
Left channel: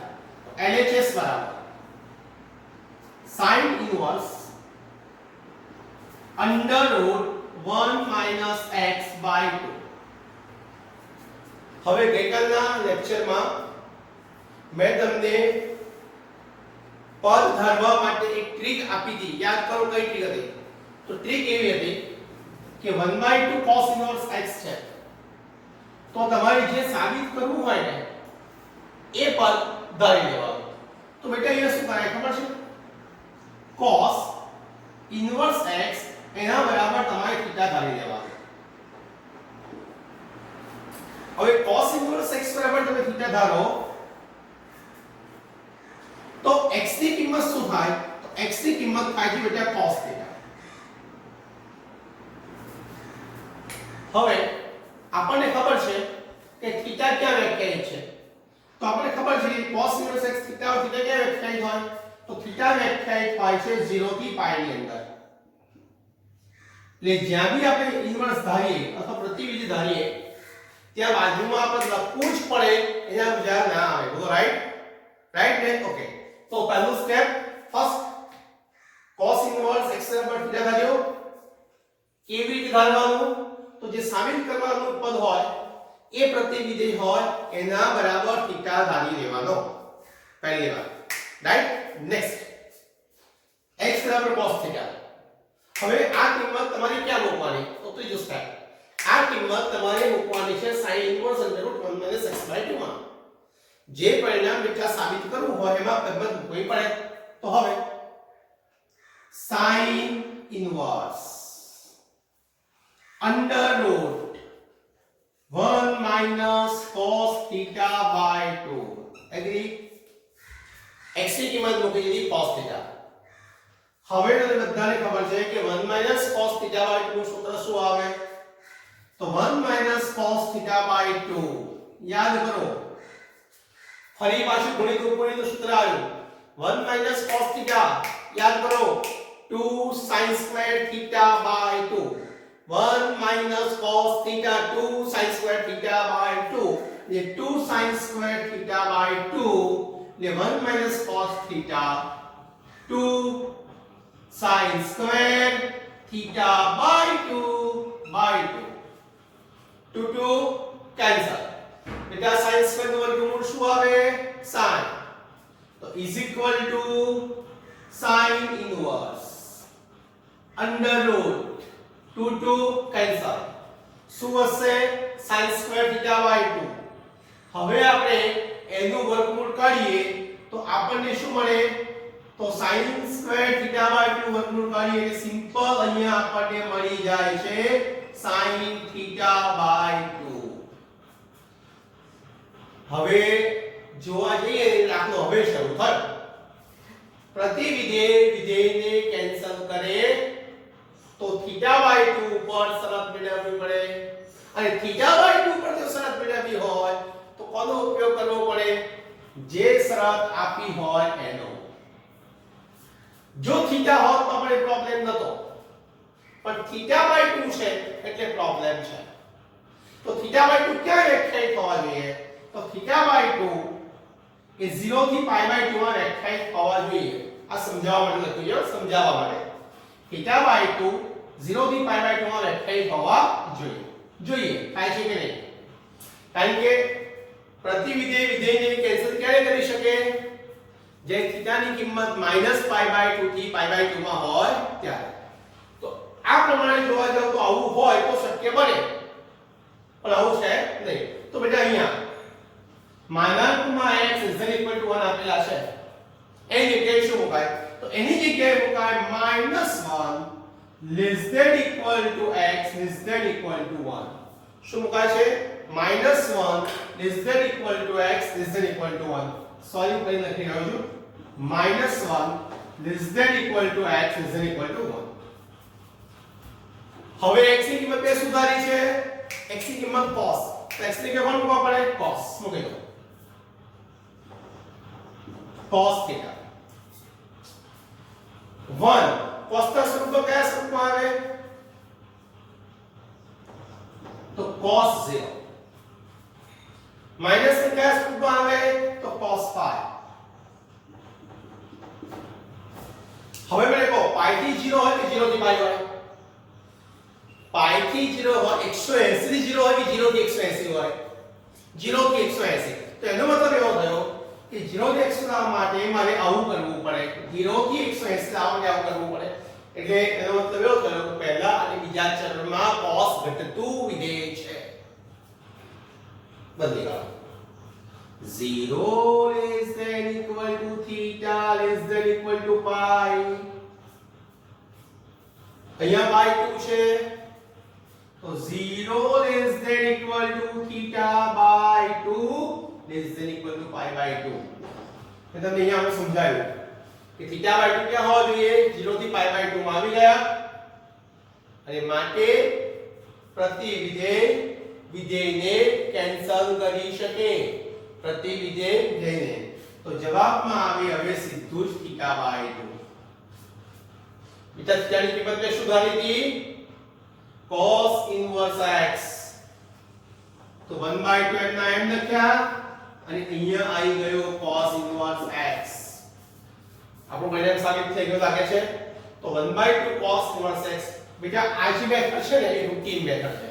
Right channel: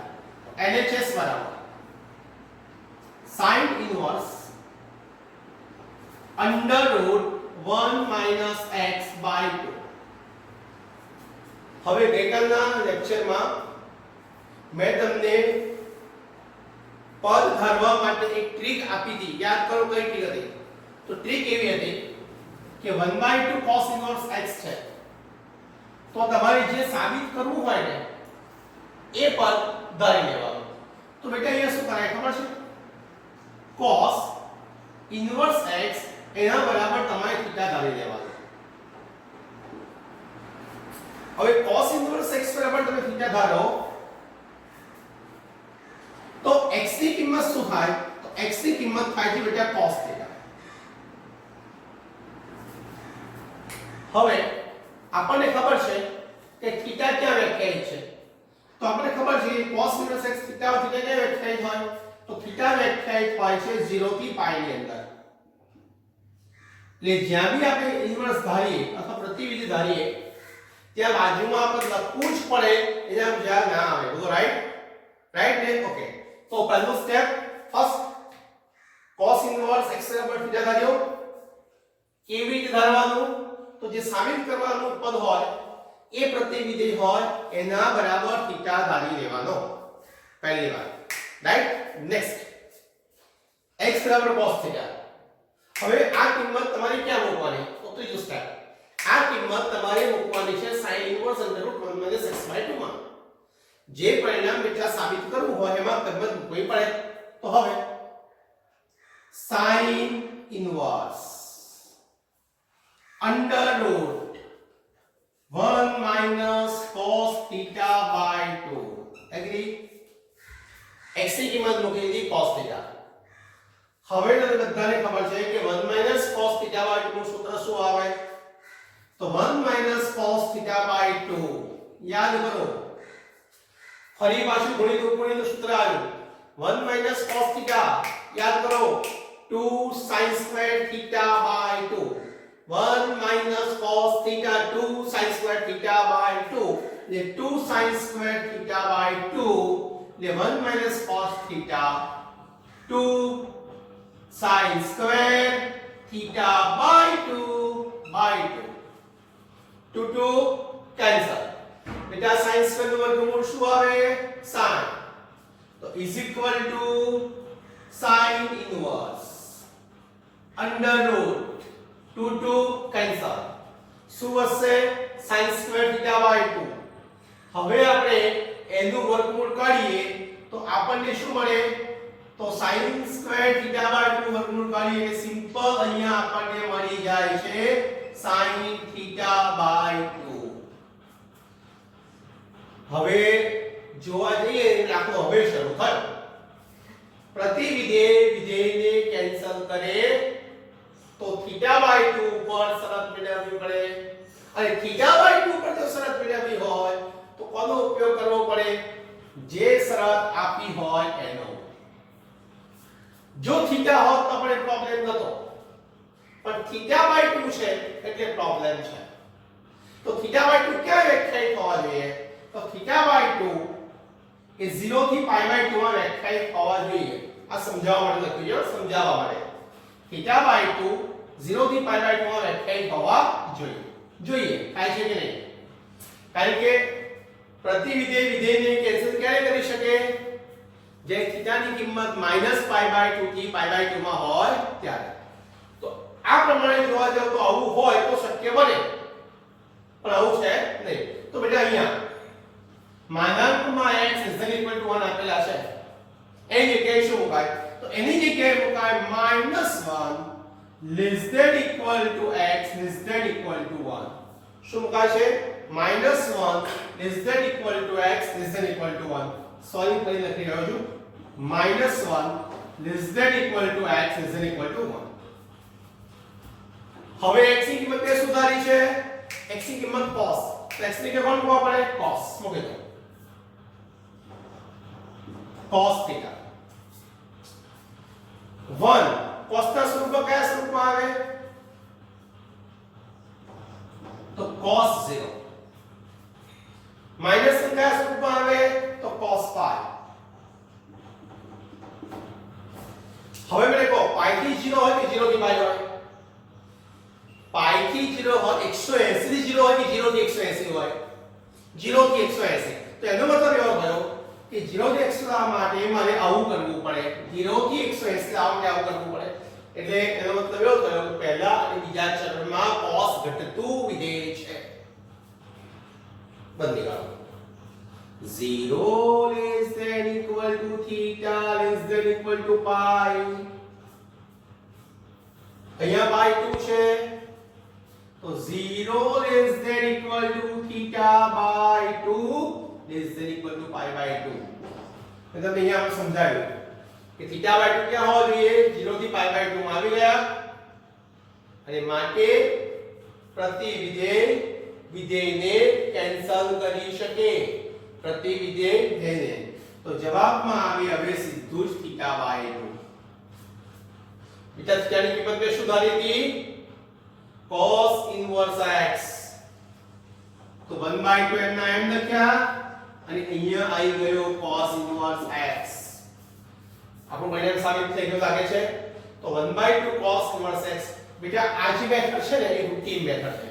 LHS બરાબર sin inverse under root 1 minus x/2 હવે ગઈકાલના લેક્ચરમાં મેં તમને પદ ધારવા માટે એક ટ્રીક આપી હતી યાદ કરો કઈ ટ્રીક હતી તો ટ્રીક એવી હતી કે 1/2 cos inverse x છે તો તમારે જે સાબિત કરવું હોય ને એ પદ ધારી લેવાનું તો બેટા અહીંયા શું કરાય ખબર છે cos inverse x એના બરાબર તમારે θ ધારી લેવાનું હવે cos inverse x બરાબર તમે θ ધારો તો x ની કિંમત શું થાય તો x ની કિંમત થાય છે બેટા cos θ હવે આપણને ખબર છે કે θ ક્યાં વ્યાખ્યાયિત છે તો આપણને ખબર છે કે cos inverse x θ ક્યાં વ્યાખ્યાયિત હોય તો θ વ્યાખ્યાયિત હોય છે 0 થી π ની અંદર એટલે જ્યાં બી આપણે ઇન્વર્સ ધારીએ અથવા પ્રતિવિધિ ધારીએ ત્યાં બાજુમાં આપણે લખવું જ પડે એના વિચાર ના આવે બોલો રાઈટ ને ઓકે તો પહેલું step first cos inverse x બરાબર θ ધાર્યો કેવી રીતે ધારવાનું તો જે સાબિત કરવાનું પદ હોય એ પ્રતિવિધિ હોય એના બરાબર θ ધારી લેવાનો પહેલી વાત રાઈટ નેક્સ્ટ x બરાબર cos θ હવે આ કિંમત તમારે ક્યાં મૂકવાની તો ત્રીજું સ્ટેપ આ કિંમત તમારે મૂકવાની છે sin inverse under root 1 minus x/2 માં જે પરિણામ બેટા સાબિત કરવું હોય એમાં કિંમત મૂકવી પડે તો હવે sin inverse under root 1 minus cos θ/2 agri x ની કિંમત મૂકી દીધી cos θ હવે તમને બધાને ખબર છે કે 1 minus cos θ/2 નું સૂત્ર શું આવે તો 1 minus cos θ/2 યાદ કરો ફરી પાછું ગણિત ઉપરનું સૂત્ર આવ્યું 1 minus cos θ યાદ કરો 2 sin squared θ/2 1 minus cos θ 2 sin squared θ/2 ये 2 sin squared θ/2 એટલે 1 minus cos theta 2 sin square theta by 2 2 cancel બેટા sin square નું વર્ગમૂળ શું આવે sin તો is equal to sin inverse under root 2 cancel શું હશે sin square theta by 2 હવે આપણે એનું વર્ગમૂળ કાઢીએ તો આપણને શું મળે તો sin square theta by 2 વર્ગમૂળ કાઢીએ એટલે સિમ્પલ અહીંયા આપણને મળી જાય છે sin theta by 2 હવે જોવા જઈએ દાખલો હવે શરૂ થયો પ્રતિ વિધેયને કેન્સલ કરે તો theta by 2 પર શરત મેળવવી પડે અને theta by 2 પર જો શરત મેળવવી હોય તો કોનો ઉપયોગ કરવો પડે જે શરત આપી હોય એનો જો થીટા હોત તો આપણે પ્રોબ્લેમ નતો પણ થીટા by 2 છે એટલે પ્રોબ્લેમ છે તો થીટા by 2 ક્યાં વ્યાખ્યાયિત હોવા જોઈએ તો થીટા by 2 એ 0 થી π by 2 માં વ્યાખ્યાયિત હોવા જોઈએ આ સમજાવવા માટે લખ્યું છે સમજાવવા માટે થીટા by 2 0 થી π by 2 માં વ્યાખ્યાયિત હોવા જોઈએ થાય છે કે નહીં કારણ કે પ્રતિ વિધેયને કેન્સલ ક્યારે કરી શકે જે થીટાની કિંમત -π by 2 થી π by 2 માં હોય ત્યારે તો આ પ્રમાણે જોવા જાવ તો આવું હોય તો શક્ય બને પણ આવું છે નહીં તો બેટા અહીંયા માનાંકમાં x ≤ 1 આપેલા છે એની જગ્યાએ શું મુકાય તો એની જગ્યાએ મુકાય -1 < x < 1 શું મુકાય છે -1 < x < 1 સોલ્વ કરી લખી રહ્યો છું -1 < x < 1 હવે x ની કિંમત કે સુધારી છે x ની કિંમત cos તો x ની કિંમત મૂકવા પડે cos મૂકી દો cos થીટા 1 cos ના સ્વરૂપમાં કયા સ્વરૂપમાં આવે તો cos 0 માઈનસ ની કયા સ્વરૂપમાં આવે તો cos phi હવે મને કહો પાઈ થી 0 હોય કે 0 થી પાઈ હોય પાઈ થી 0 હોય 180 થી 0 હોય કે 0 થી 180 હોય 0 થી 180 તો એનો મતલબ એવો થયો કે 0 થી 180 લાવવા માટે મારે આવું કરવું પડે 0 થી 180 લાવવા માટે આવું કરવું પડે એટલે એનો મતલબ એવો થયો કે પહેલા અને બીજા ચરણમાં cos ઘટતું વિધેય છે બદલી કાઢો 0 less than equal to theta less than equal to pi અહીંયા pi 2 છે તો 0 less than equal to theta by 2 less than equal to pi by 2 એટલે અહીંયા આપણે સમજાવ્યું કે theta by 2 ક્યાં હોવો જોઈએ 0 થી pi by 2 માં આવી ગયા અને માટે પ્રતિ વિધેયને કેન્સલ કરી શકે પ્રતિ વિધેયને તો જવાબમાં આવી હવે સીધું જ theta by 2 બીટા થીટાની કિંમત કે સુધારી હતી cos inverse x તો 1/2 એમના એમ લખ્યા અને અહીંયા આવી ગયો cos inverse x આપણો પરિણામ સાબિત થઈ ગયો લાગે છે તો 1/2 cos inverse x બીટા આ જે મેથડ છે ને એ રૂટીન મેથડ છે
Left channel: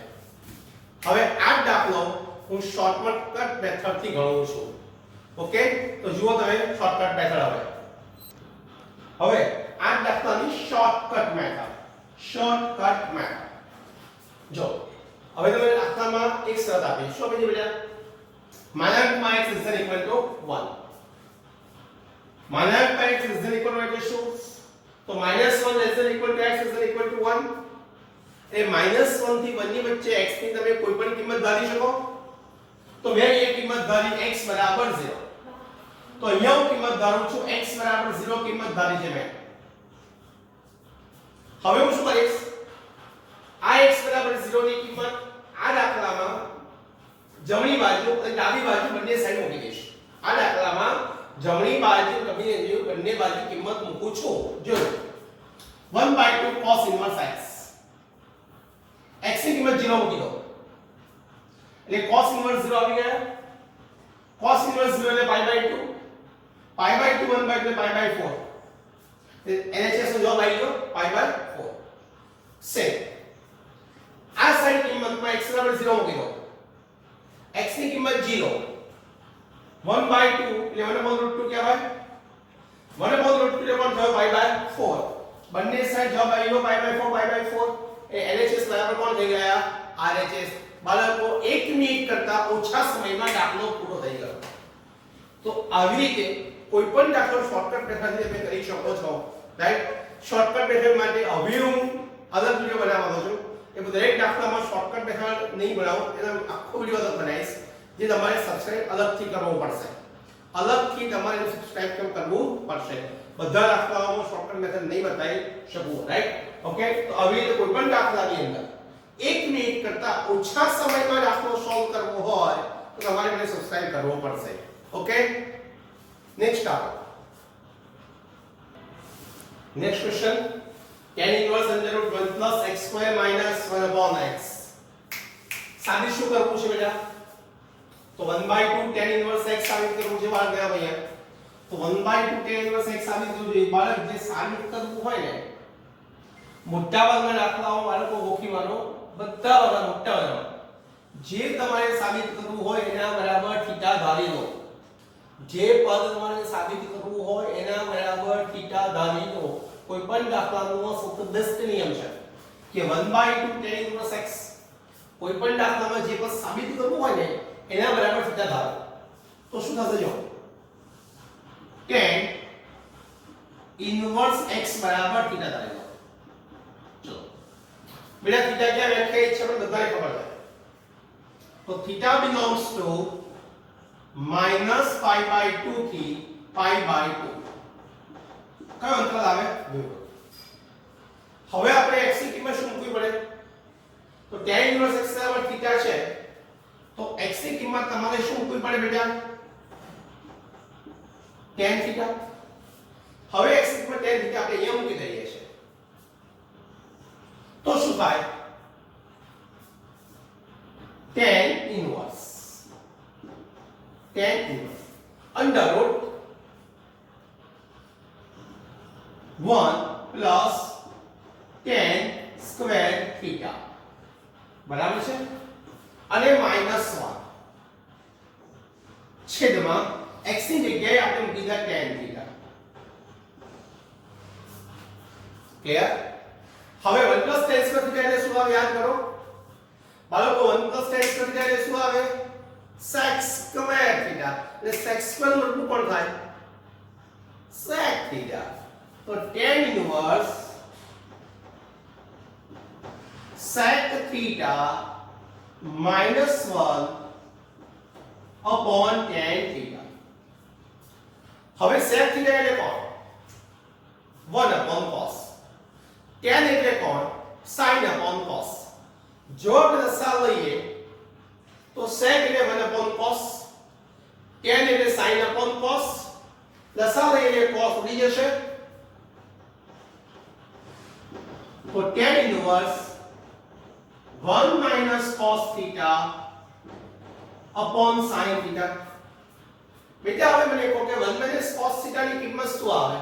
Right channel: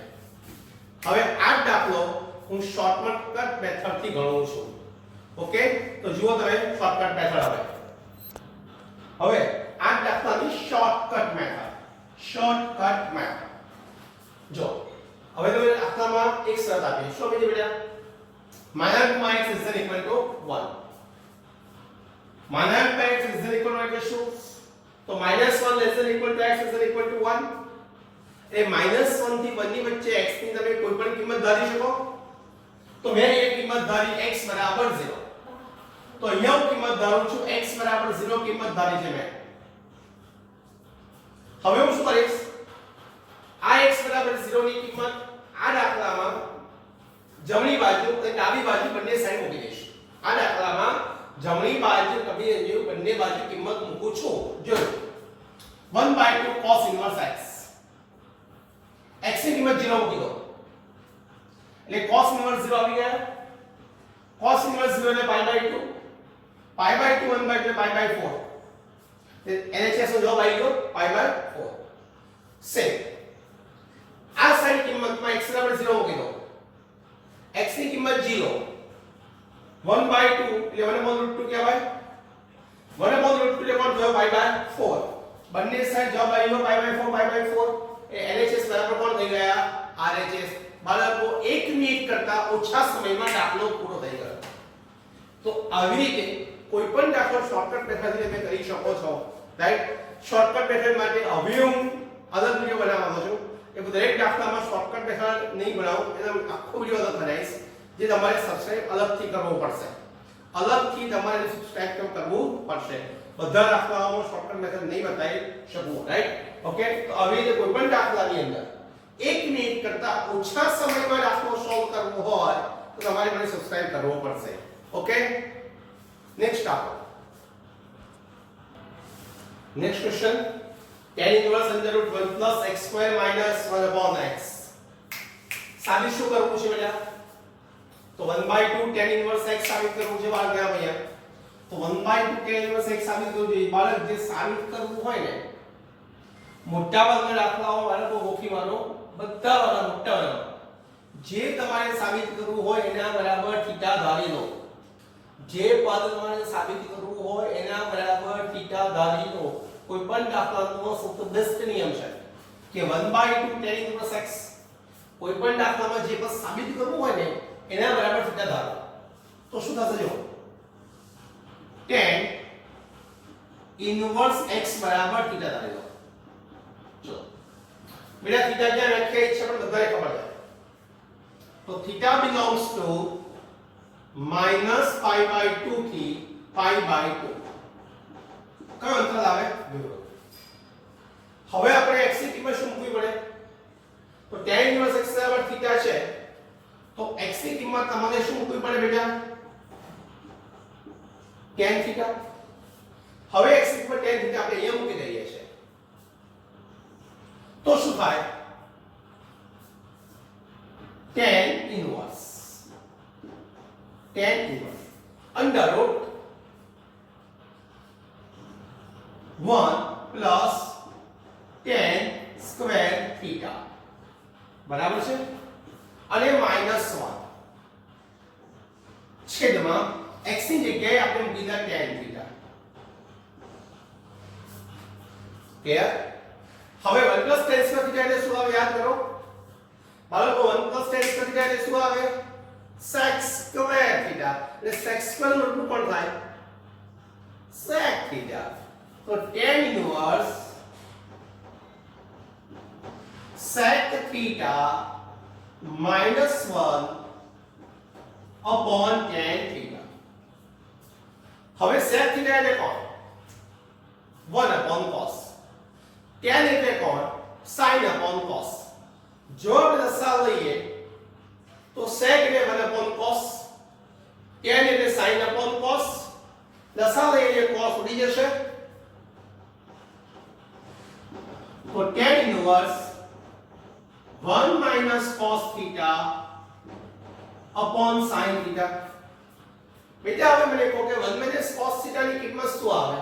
હવે આ દાખલો હું શોર્ટકટ મેથડ થી ગણું છું ઓકે તો જુઓ તમે શોર્ટકટ મેથડ હવે આ દાખલાની શોર્ટકટ મેથડ જો હવે તમે દાખલામાં એક શરત આપી શું આપી છે બેટા માનાંકમાં x = 1 માનાંકમાં x = 1 એટલે શું તો -1 < x = 1 એ -1 થી 1 ની વચ્ચે x ની તમે કોઈ પણ કિંમત ધારી શકો તો મેં એક કિંમત ધારી x = 0 તો અહીંયા હું કિંમત ધારું છું x = 0 કિંમત ધારી છે મેં હવે હું શું કરીશ આ x = 0 ની કિંમત આ દાખલામાં જમણી બાજુ અને ડાબી બાજુ બંને સાઈડ મૂકી દઈશ આ દાખલામાં જમણી બાજુ ડાબી બંને બાજુ કિંમત મૂકું છું જો 1/2 cos inverse x x ની કિંમત 0 મૂકી દો એટલે cos inverse 0 આવી ગયા cos inverse 0 એટલે pi by 2 pi by 2 1 by એટલે પાઈ બાય 4 LHS નો જવાબ આવી ગયો પાઈ બાય 4 સેમ આ સાઈડ કિંમતમાં x બરાબર 0 મૂકી દો x ની કિંમત 0 1 બાય 2 એટલે 1/√2 કહેવાય 1/√2 એટલે કોણ થયો પાઈ બાય 4 બંને સાઈડ જવાબ આવી ગયો પાઈ બાય 4 એ LHS બરાબર કોણ થઈ ગયા RHS બાળકો 1 મિનિટ કરતા ઓછા સમયમાં દાખલો પૂરો થઈ ગયો તો આવી રીતે કોઈ પણ દાખલો શોર્ટકટ મેથડથી તમે કરી શકો છો રાઈટ શોર્ટકટ મેથડ માટે હવે હું અલગ વિડિયો બનાવવાનો છું એ દરેક દાખલામાં શોર્ટકટ મેથડ નહીં બનાવું એટલે આખો વિડિયો અલગ બનાવીશ જે તમારે સબસ્ક્રાઇબ અલગથી કરવો પડશે અલગથી તમારે સબસ્ક્રાઇબ કરવું પડશે બધા દાખલાઓમાં શોર્ટકટ મેથડ નહીં બતાવી શકું રાઈટ ઓકે તો આવી રીતે કોઈ પણ દાખલાની અંદર 1 મિનિટ કરતા ઓછા સમયમાં દાખલો સોલ્વ કરવો હોય તો તમારે મને સબસ્ક્રાઇબ કરવો પડશે ઓકે નેક્સ્ટ દાખલો next question tan inverse under root 1 plus x square minus 1 upon x સાબિત શું કરવું છે બેટા તો 1/2 tan inverse x સાબિત કરવું છે બાળક ગયા ભૈયા તો 1/2 tan inverse x સાબિત કરવું જોઈએ બાળક જે સાબિત કરવું હોય ને મોટા ભાગના દાખલાઓ બાળકો ગોખી માનો બધા વાળા મોટા વાળા જે તમારે સાબિત કરવું હોય એના બરાબર થીટા ધારી લો જે પદ તમારે સાબિત કરવું હોય એના બરાબર થીટા ધારી લો કોઈ પણ દાખલાનો સૌથી બેસ્ટ નિયમ છે કે 1/2 tan inverse x કોઈ પણ દાખલામાં જે પદ સાબિત કરવું હોય ને એના બરાબર થીટા ધારો તો શું થશે જો tan inverse x બરાબર થીટા ધારી લો ચલો બેટા થીટા ક્યાં વ્યાખ્યાયિત છે પણ બધાને ખબર છે તો થીટા belongs to -π/2 થી π/2 કયો અંતર આવે બરોબર હવે આપણે x ની કિંમત શું મૂકવી પડે તો tan inverse x બરાબર થીટા છે તો x ની કિંમત તમારે શું મૂકવી પડે બેટા tan થીટા હવે x ની કિંમત tan થીટા આપણે અહીંયા મૂકી દઈએ છે તો શું થાય tan inverse under root 1 plus tan square theta બરાબર છે અને -1 છેદમાં x ની જગ્યાએ આપણે મૂકી દીધા tan theta ક્લિયર હવે 1 plus tan square theta એટલે શું આવે યાદ કરો બાળકો 1 plus tan square theta એટલે શું આવે sec square theta એટલે sec square નું રૂપ કોણ થાય sec theta તો tan inverse sec theta -1 upon tan theta હવે sec theta એટલે કોણ 1 upon cos tan એટલે કોણ sin upon cos જો આપણે દશા લઈએ તો sec એટલે 1 upon cos tan એટલે sin upon cos દશા લઈએ cos ઉડી જશે તો tan inverse 1 minus cos theta upon sin theta બેટા હવે મને કહો કે 1 minus cos theta ની કિંમત શું આવે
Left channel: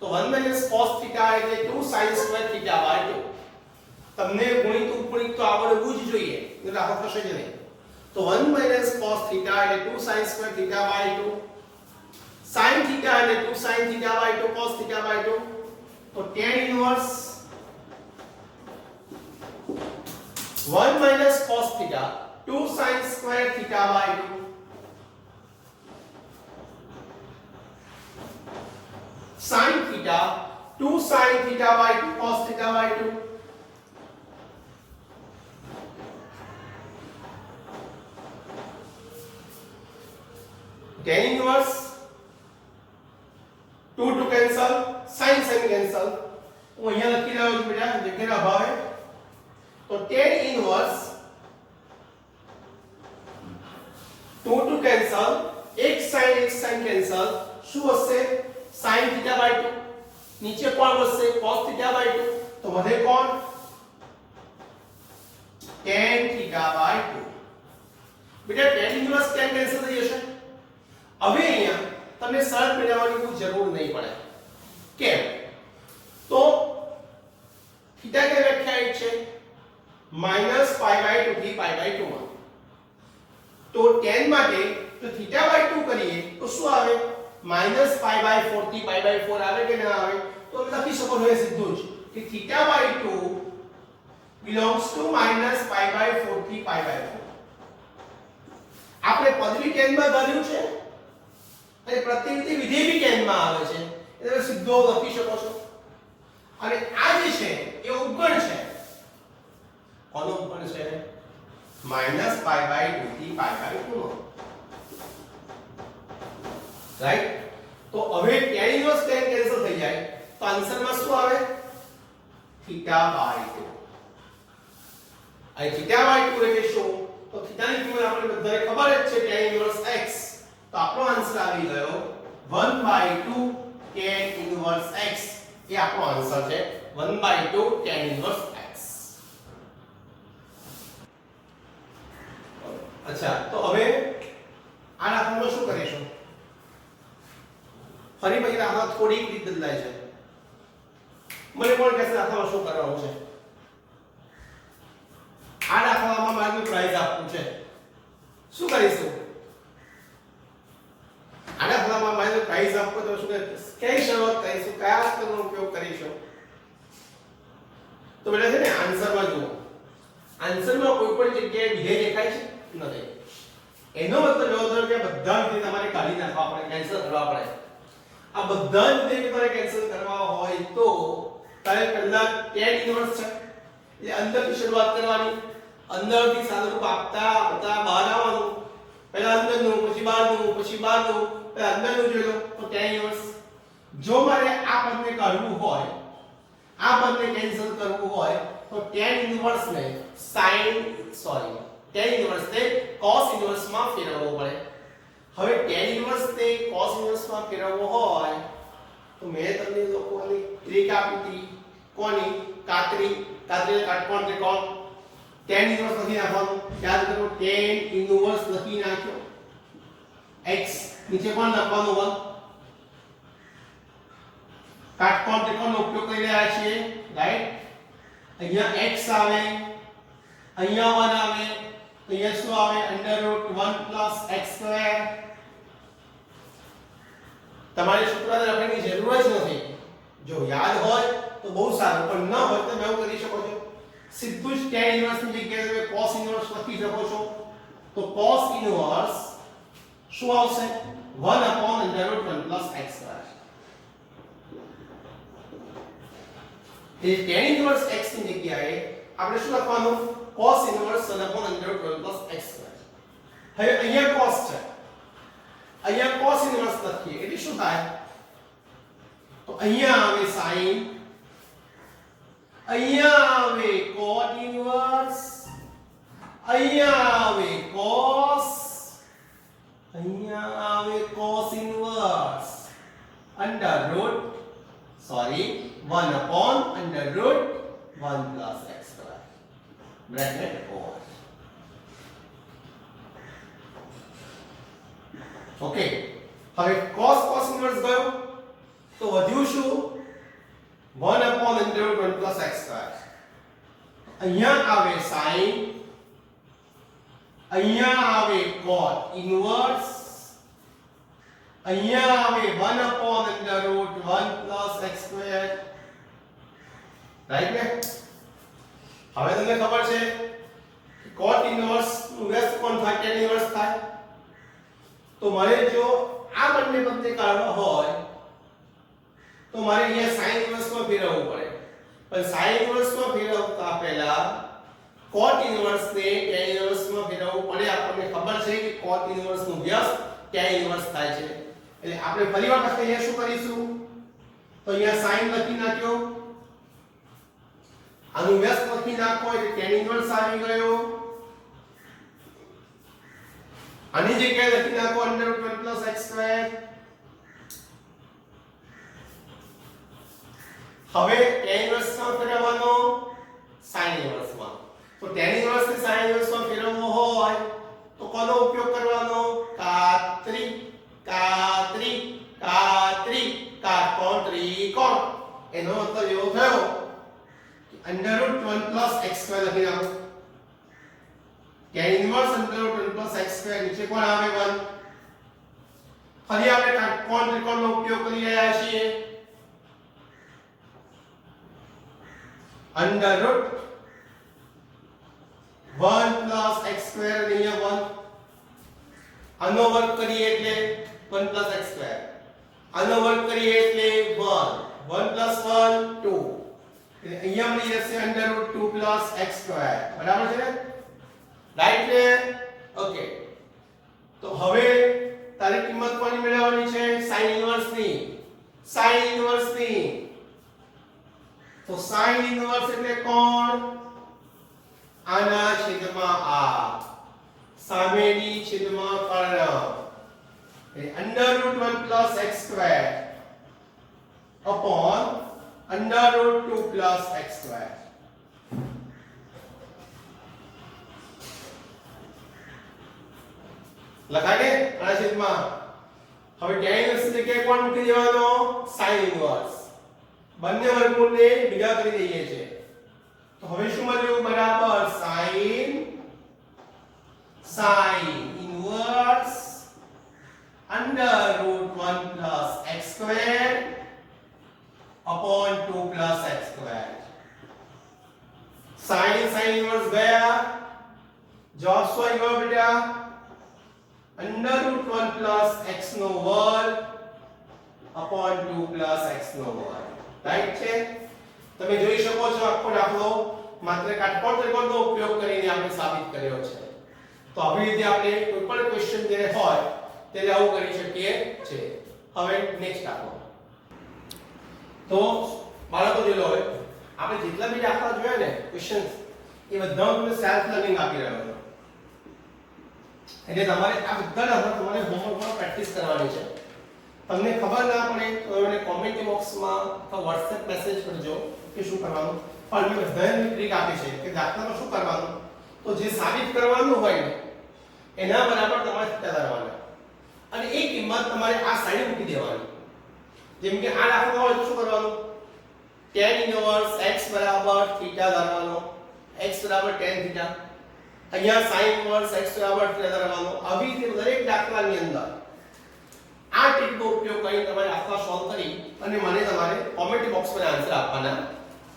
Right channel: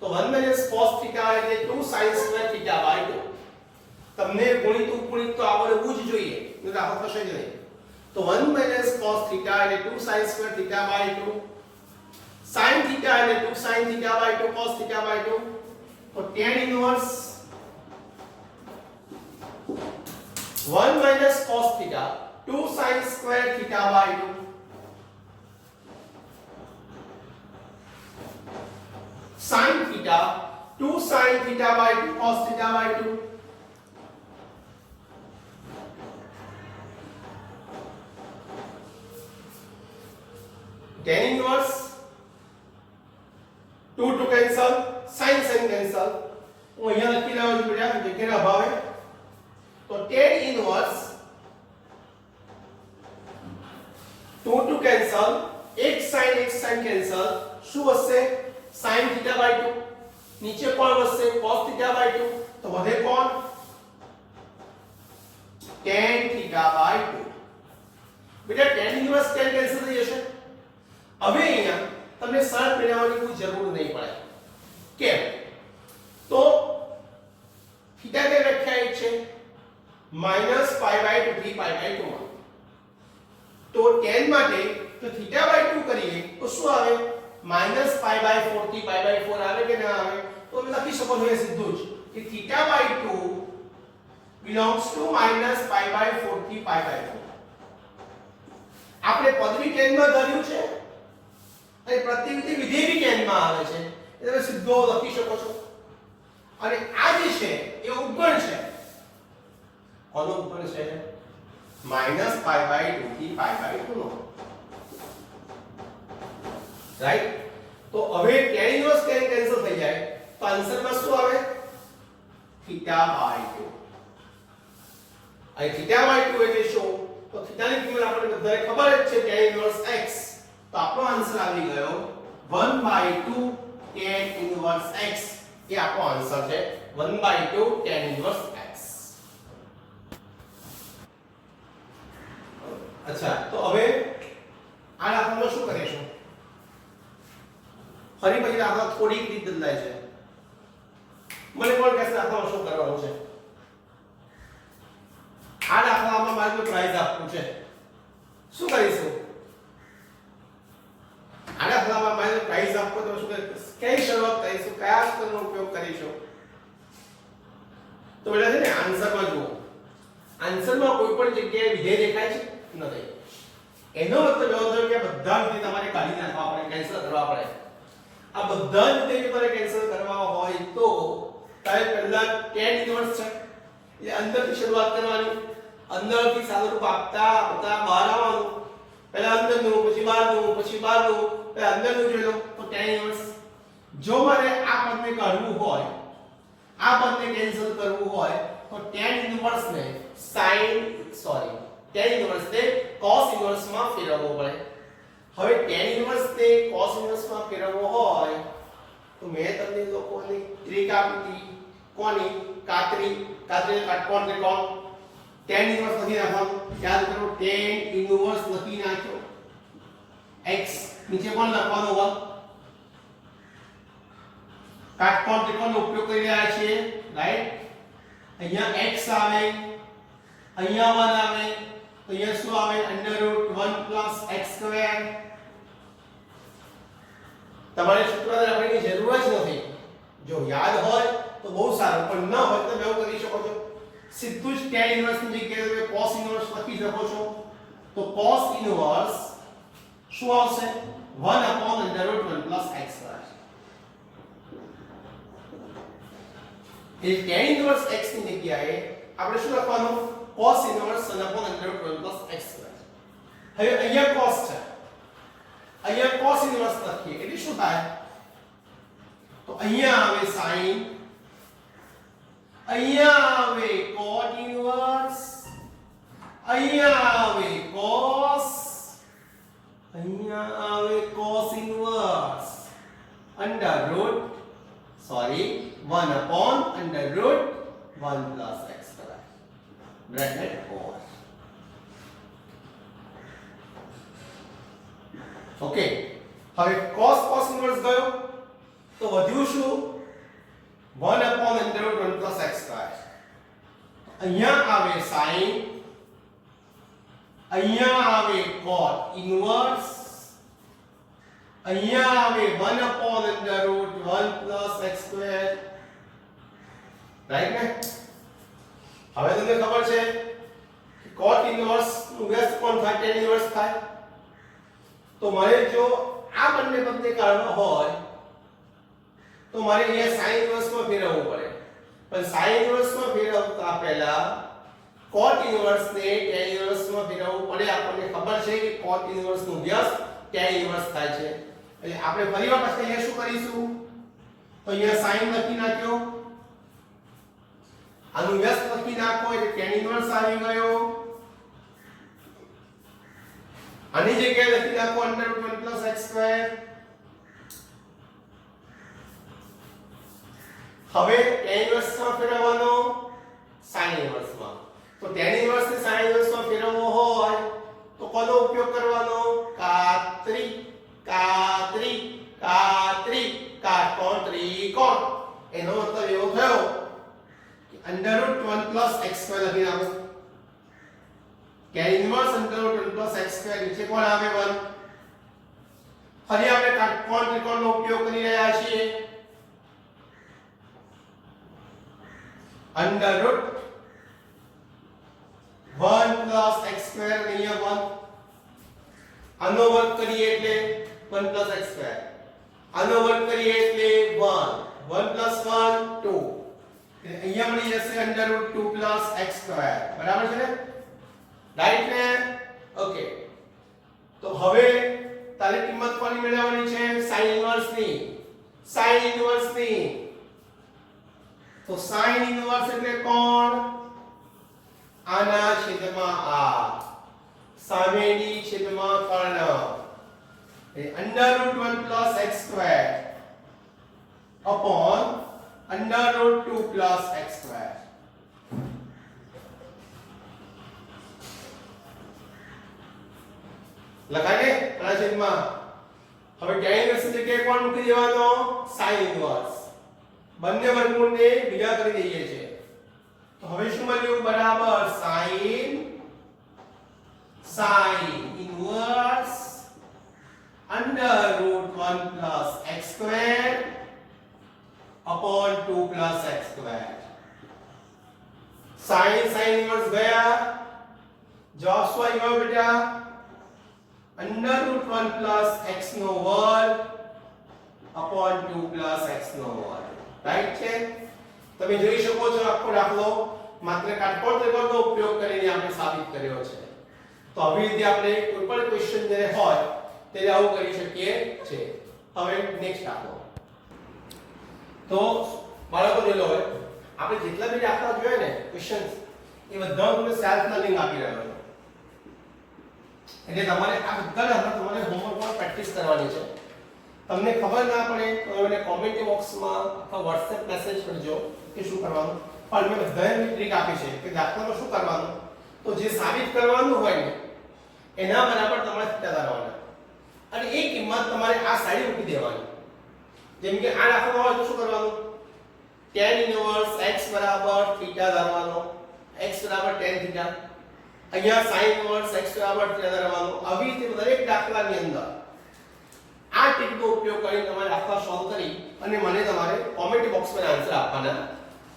તો 1 minus cos theta એટલે 2 sin square theta by 2 તમને ગણિત ઉપગણિત તો આવડવું જ જોઈએ તો દાખલો થશે જ નહીં તો 1 minus cos theta એટલે 2 sin square theta by 2 sin theta એટલે 2 sin theta by 2 cos theta by 2 તો tan inverse 1 minus cos theta 2 sin square theta by 2 sin theta 2 sin theta by 2 cos theta by 2 tan inverse 2 to cancel sin cancel હું અહીંયા લખી રહ્યો છું બેટા જગ્યાના અભાવે તો tan inverse 2 to cancel એક sin cancel શું હશે sin theta by 2 નીચે કોણ વધશે cos theta by 2 તો વધે કોણ tan theta by 2 બેટા tan inverse tan cancel થઈ જશે હવે અહીંયા તમને શરત મેળવવાની કોઈ જરૂર નહીં પડે. કેમ? તો થીટા ને વ્યાખ્યાયિત છે -π/2 થી π/2 માં. તો tan માટે તો θ/2 કરીએ તો શું આવે? -π/4 થી π/4 આવે કે ના આવે? તો લખી શકો છો એ સીધું જ કે θ/2 belongs to -π/4 થી π/4. આપણે પદવી tan માં ધાર્યું છે અને પ્રતિનિધિ વિધેય બી tan માં આવે છે. એટલે સીધો લખી શકો છો. અને આ જે છે એ ઉપગણ છે. કોનો ઉપગણ છે? -π/2 થી π/2 નો. રાઈટ? તો હવે tan ઇન્વર્સ tan કેન્સલ થઈ જાય તો આન્સરમાં શું આવે? θ/2. આ θ/2 એટલે શું? તો θ ની કિંમત આપણે બધાને ખબર જ છે tan ઇન્વર્સ x. તો આપણો આન્સર આવી ગયો 1/2 tan ઇન્વર્સ x. એ આપણો આન્સર છે 1/2 tan ઇન્વર્સ x. અચ્છા, તો હવે આ દાખલામાં શું કરીશું? ફરી પછી દાખલા થોડીક રીત બદલાય છે. મને કોણ કહેશે દાખલામાં શું કરવાનું છે? આ દાખલામાં મારે પ્રાઇઝ આપવું છે. શું કરીશું? આ દાખલામાં મારે પ્રાઇઝ આપવું તો શું કરીશું? કઈ શરૂઆત કરીશું? કયા સ્તરનો ઉપયોગ કરીશું? તો બેટા છે ને આન્સરમાં જુઓ. આન્સરમાં કોઈ પણ જગ્યાએ વિધેય દેખાય છે? નથી. એનો મતલબ એવો થયો કે બધા વિધેય તમારે કાઢી નાખવા પડે, કેન્સલ કરવા પડે. આ બધા જ વિધેય તમારે કેન્સલ કરવા હોય તો તારે પહેલા tan ઇન્વર્સ છે એટલે અંદરથી શરૂઆત કરવાની. અંદરથી સાદુરૂપ આપતા આપતા બહાર આવવાનું. પહેલા અંદરનું, પછી બહારનું, પછી બહારનું. પહેલા અંદરનું જોઈ લો તો tan ઇન્વર્સ. જો મારે આ પદને કાઢવું હોય, આ પદને કેન્સલ કરવું હોય તો tan ઇન્વર્સ ને tan ઇન્વર્સ ને cos ઇન્વર્સ માં ફેરવવો પડે. હવે tan ઇન્વર્સ ને cos ઇન્વર્સ માં ફેરવવો હોય તો મેં તમને લોકોની ટ્રીક આપી હતી. કોની? કાતરી કાટકોણ ત્રિકોણ. tan ઇન્વર્સ લખી નાખવાનું. યાદ કરો tan ઇન્વર્સ લખી નાખ્યો. x નીચે કોણ લખવાનું? 1. કાટકોણ ત્રિકોણનો ઉપયોગ કરી રહ્યા છીએ, રાઈટ? અહીંયા x આવે, અહીંયા 1 આવે, તો અહીંયા શું આવે? √1 + x². તમારે સૂત્ર લખવાની જરૂર જ નથી. જો યાદ હોય તો બહુ સારું, પણ ન હોય તો તમે કરી શકો છો. સીધું જ tan ઇન્વર્સ ની જગ્યાએ તમે cos ઇન્વર્સ લખી શકો છો. તો cos ઇન્વર્સ શું આવશે? 1/√1 + x². એ tan ઇન્વર્સ x ની જગ્યાએ આપણે શું લખવાનું? cos inverse 1/√1 + x². હવે અહીંયા cos છે, અહીંયા cos ઇન્વર્સ લખીએ એટલે શું થાય? તો અહીંયા આવે sin, અહીંયા આવે cot ઇન્વર્સ, અહીંયા આવે cos, અહીંયા આવે cos inverse √1/√1 + x². Bracket over. Okay, હવે cos ઇન્વર્સ ગયો તો વધ્યું શું? 1/√1 + x². અહીંયા આવે sin, અહીંયા આવે cot ઇન્વર્સ, અહીંયા આવે 1/√1 + x². રાઈટ ને? હવે તમને ખબર છે કે cot ઇન્વર્સ નું વ્યસ્ત કોણ થાય? tan ઇન્વર્સ થાય. તો મારે જો આ બંને પદને કાઢવા હોય તો મારે અહીંયા sin ઇન્વર્સ માં ફેરવવું પડે. પણ sin ઇન્વર્સ માં ફેરવતા પહેલા cot ઇન્વર્સ ને tan ઇન્વર્સ માં ફેરવવું પડે. આપણને ખબર છે કે cot ઇન્વર્સ નું વ્યસ્ત tan ઇન્વર્સ થાય છે. એટલે આપણે ફરીવાર પાછા અહીંયા શું કરીશું? તો અહીંયા sin લખી નાખ્યો, આનું વ્યસ્ત લખી નાખો એટલે tan ઇન્વર્સ આવી ગયો. આની જગ્યાએ લખી નાખો √1 + x². હવે tan ઇન્વર્સ માં ફેરવવાનો sin ઇન્વર્સ માં. તો tan ઇન્વર્સ ને sin ઇન્વર્સ માં ફેરવવો હોય તો કોનો ઉપયોગ કરવાનો? કાતરી. કોણ? એનો મતલબ એવો થયો કે √1 + x² લખી નાખો. tan ઇન્વર્સ √1 + x² નીચે કોણ આવે 1. ફરી આપણે કોણ ત્રિકોણનો ઉપયોગ કરી રહ્યા છીએ. √1 + x² અહીંયા 1. આનો વર્ગ કરીએ એટલે 1 + x². આનો વર્ગ કરીએ એટલે 1. 1 + 1 2. એટલે અહીંયા મળી જશે √2 + x². બરાબર છે ને? રાઈટ ને? ઓકે. તો હવે તારી કિંમત કોની મેળવવાની છે? sin ઇન્વર્સની. sin ઇન્વર્સની. તો sin ઇન્વર્સ એટલે કોણ? આના છેદમાં આ. સામેની છેદમાં કર્ણ. √1 + x² upon √2 + x². લખાય કે આના છેદમાં. હવે tan ઇન્વર્સ જગ્યાએ કોણ મૂકી દેવાનો? sin inverse. બંને વર્ગમૂળને ભેગા કરી દઈએ છે. તો હવે શું મળ્યું? બરાબર sin inverse √1 + x² upon 2 + x². sin inverse ગયા. જવાબ શું આવ્યો બેટા? √1 + x² upon 2 + x². રાઈટ છે? તમે જોઈ શકો છો આખો દાખલો માત્ર કાટકોણ ત્રિકોણનો ઉપયોગ કરીને આપણે સાબિત કર્યો છે. તો આવી રીતે આપણે કોઈ પણ ક્વેશ્ચન જે હોય ત્યારે આવું કરી શકીએ છે. હવે નેક્સ્ટ દાખલો. તો બાળકો જોઈ લો, હવે આપણે જેટલા બી દાખલા જોયા ને ક્વેશ્ચન્સ એ બધાનું તમને સેલ્ફ લર્નિંગ આપી રહ્યો છું. એટલે તમારે આ બધા દાખલા તમારે હોમવર્કમાં પ્રેક્ટિસ કરવાની છે. તમને ખબર ના પડે તો મને કોમેન્ટ બોક્સમાં અથવા WhatsApp મેસેજ કરજો કે શું કરવાનું. પણ મેં બધાની ટ્રીક આપી છે કે દાખલામાં શું કરવાનું. તો જે સાબિત કરવાનું હોય ને એના બરાબર તમારે થીટા ધારવાના અને એ કિંમત તમારે આ સાઈડ મૂકી દેવાની. જેમ કે આ દાખલો હોય તો શું કરવાનું? tan ઇન્વર્સ x બરાબર થીટા ધારવાનો, x બરાબર tan થીટા. અહીંયા sin ઇન્વર્સ x બરાબર થીટા ધારવાનો. આવી રીતે દરેક દાખલાની અંદર આ ટ્રીકનો ઉપયોગ કરીને તમારે દાખલા સોલ્વ કરી અને મને તમારે કોમેન્ટ બોક્સમાં આન્સર આપવાના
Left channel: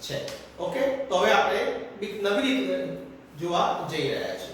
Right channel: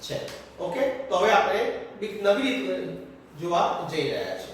છે. ઓકે? તો હવે આપણે નવી રીત જોવા જઈ રહ્યા છીએ.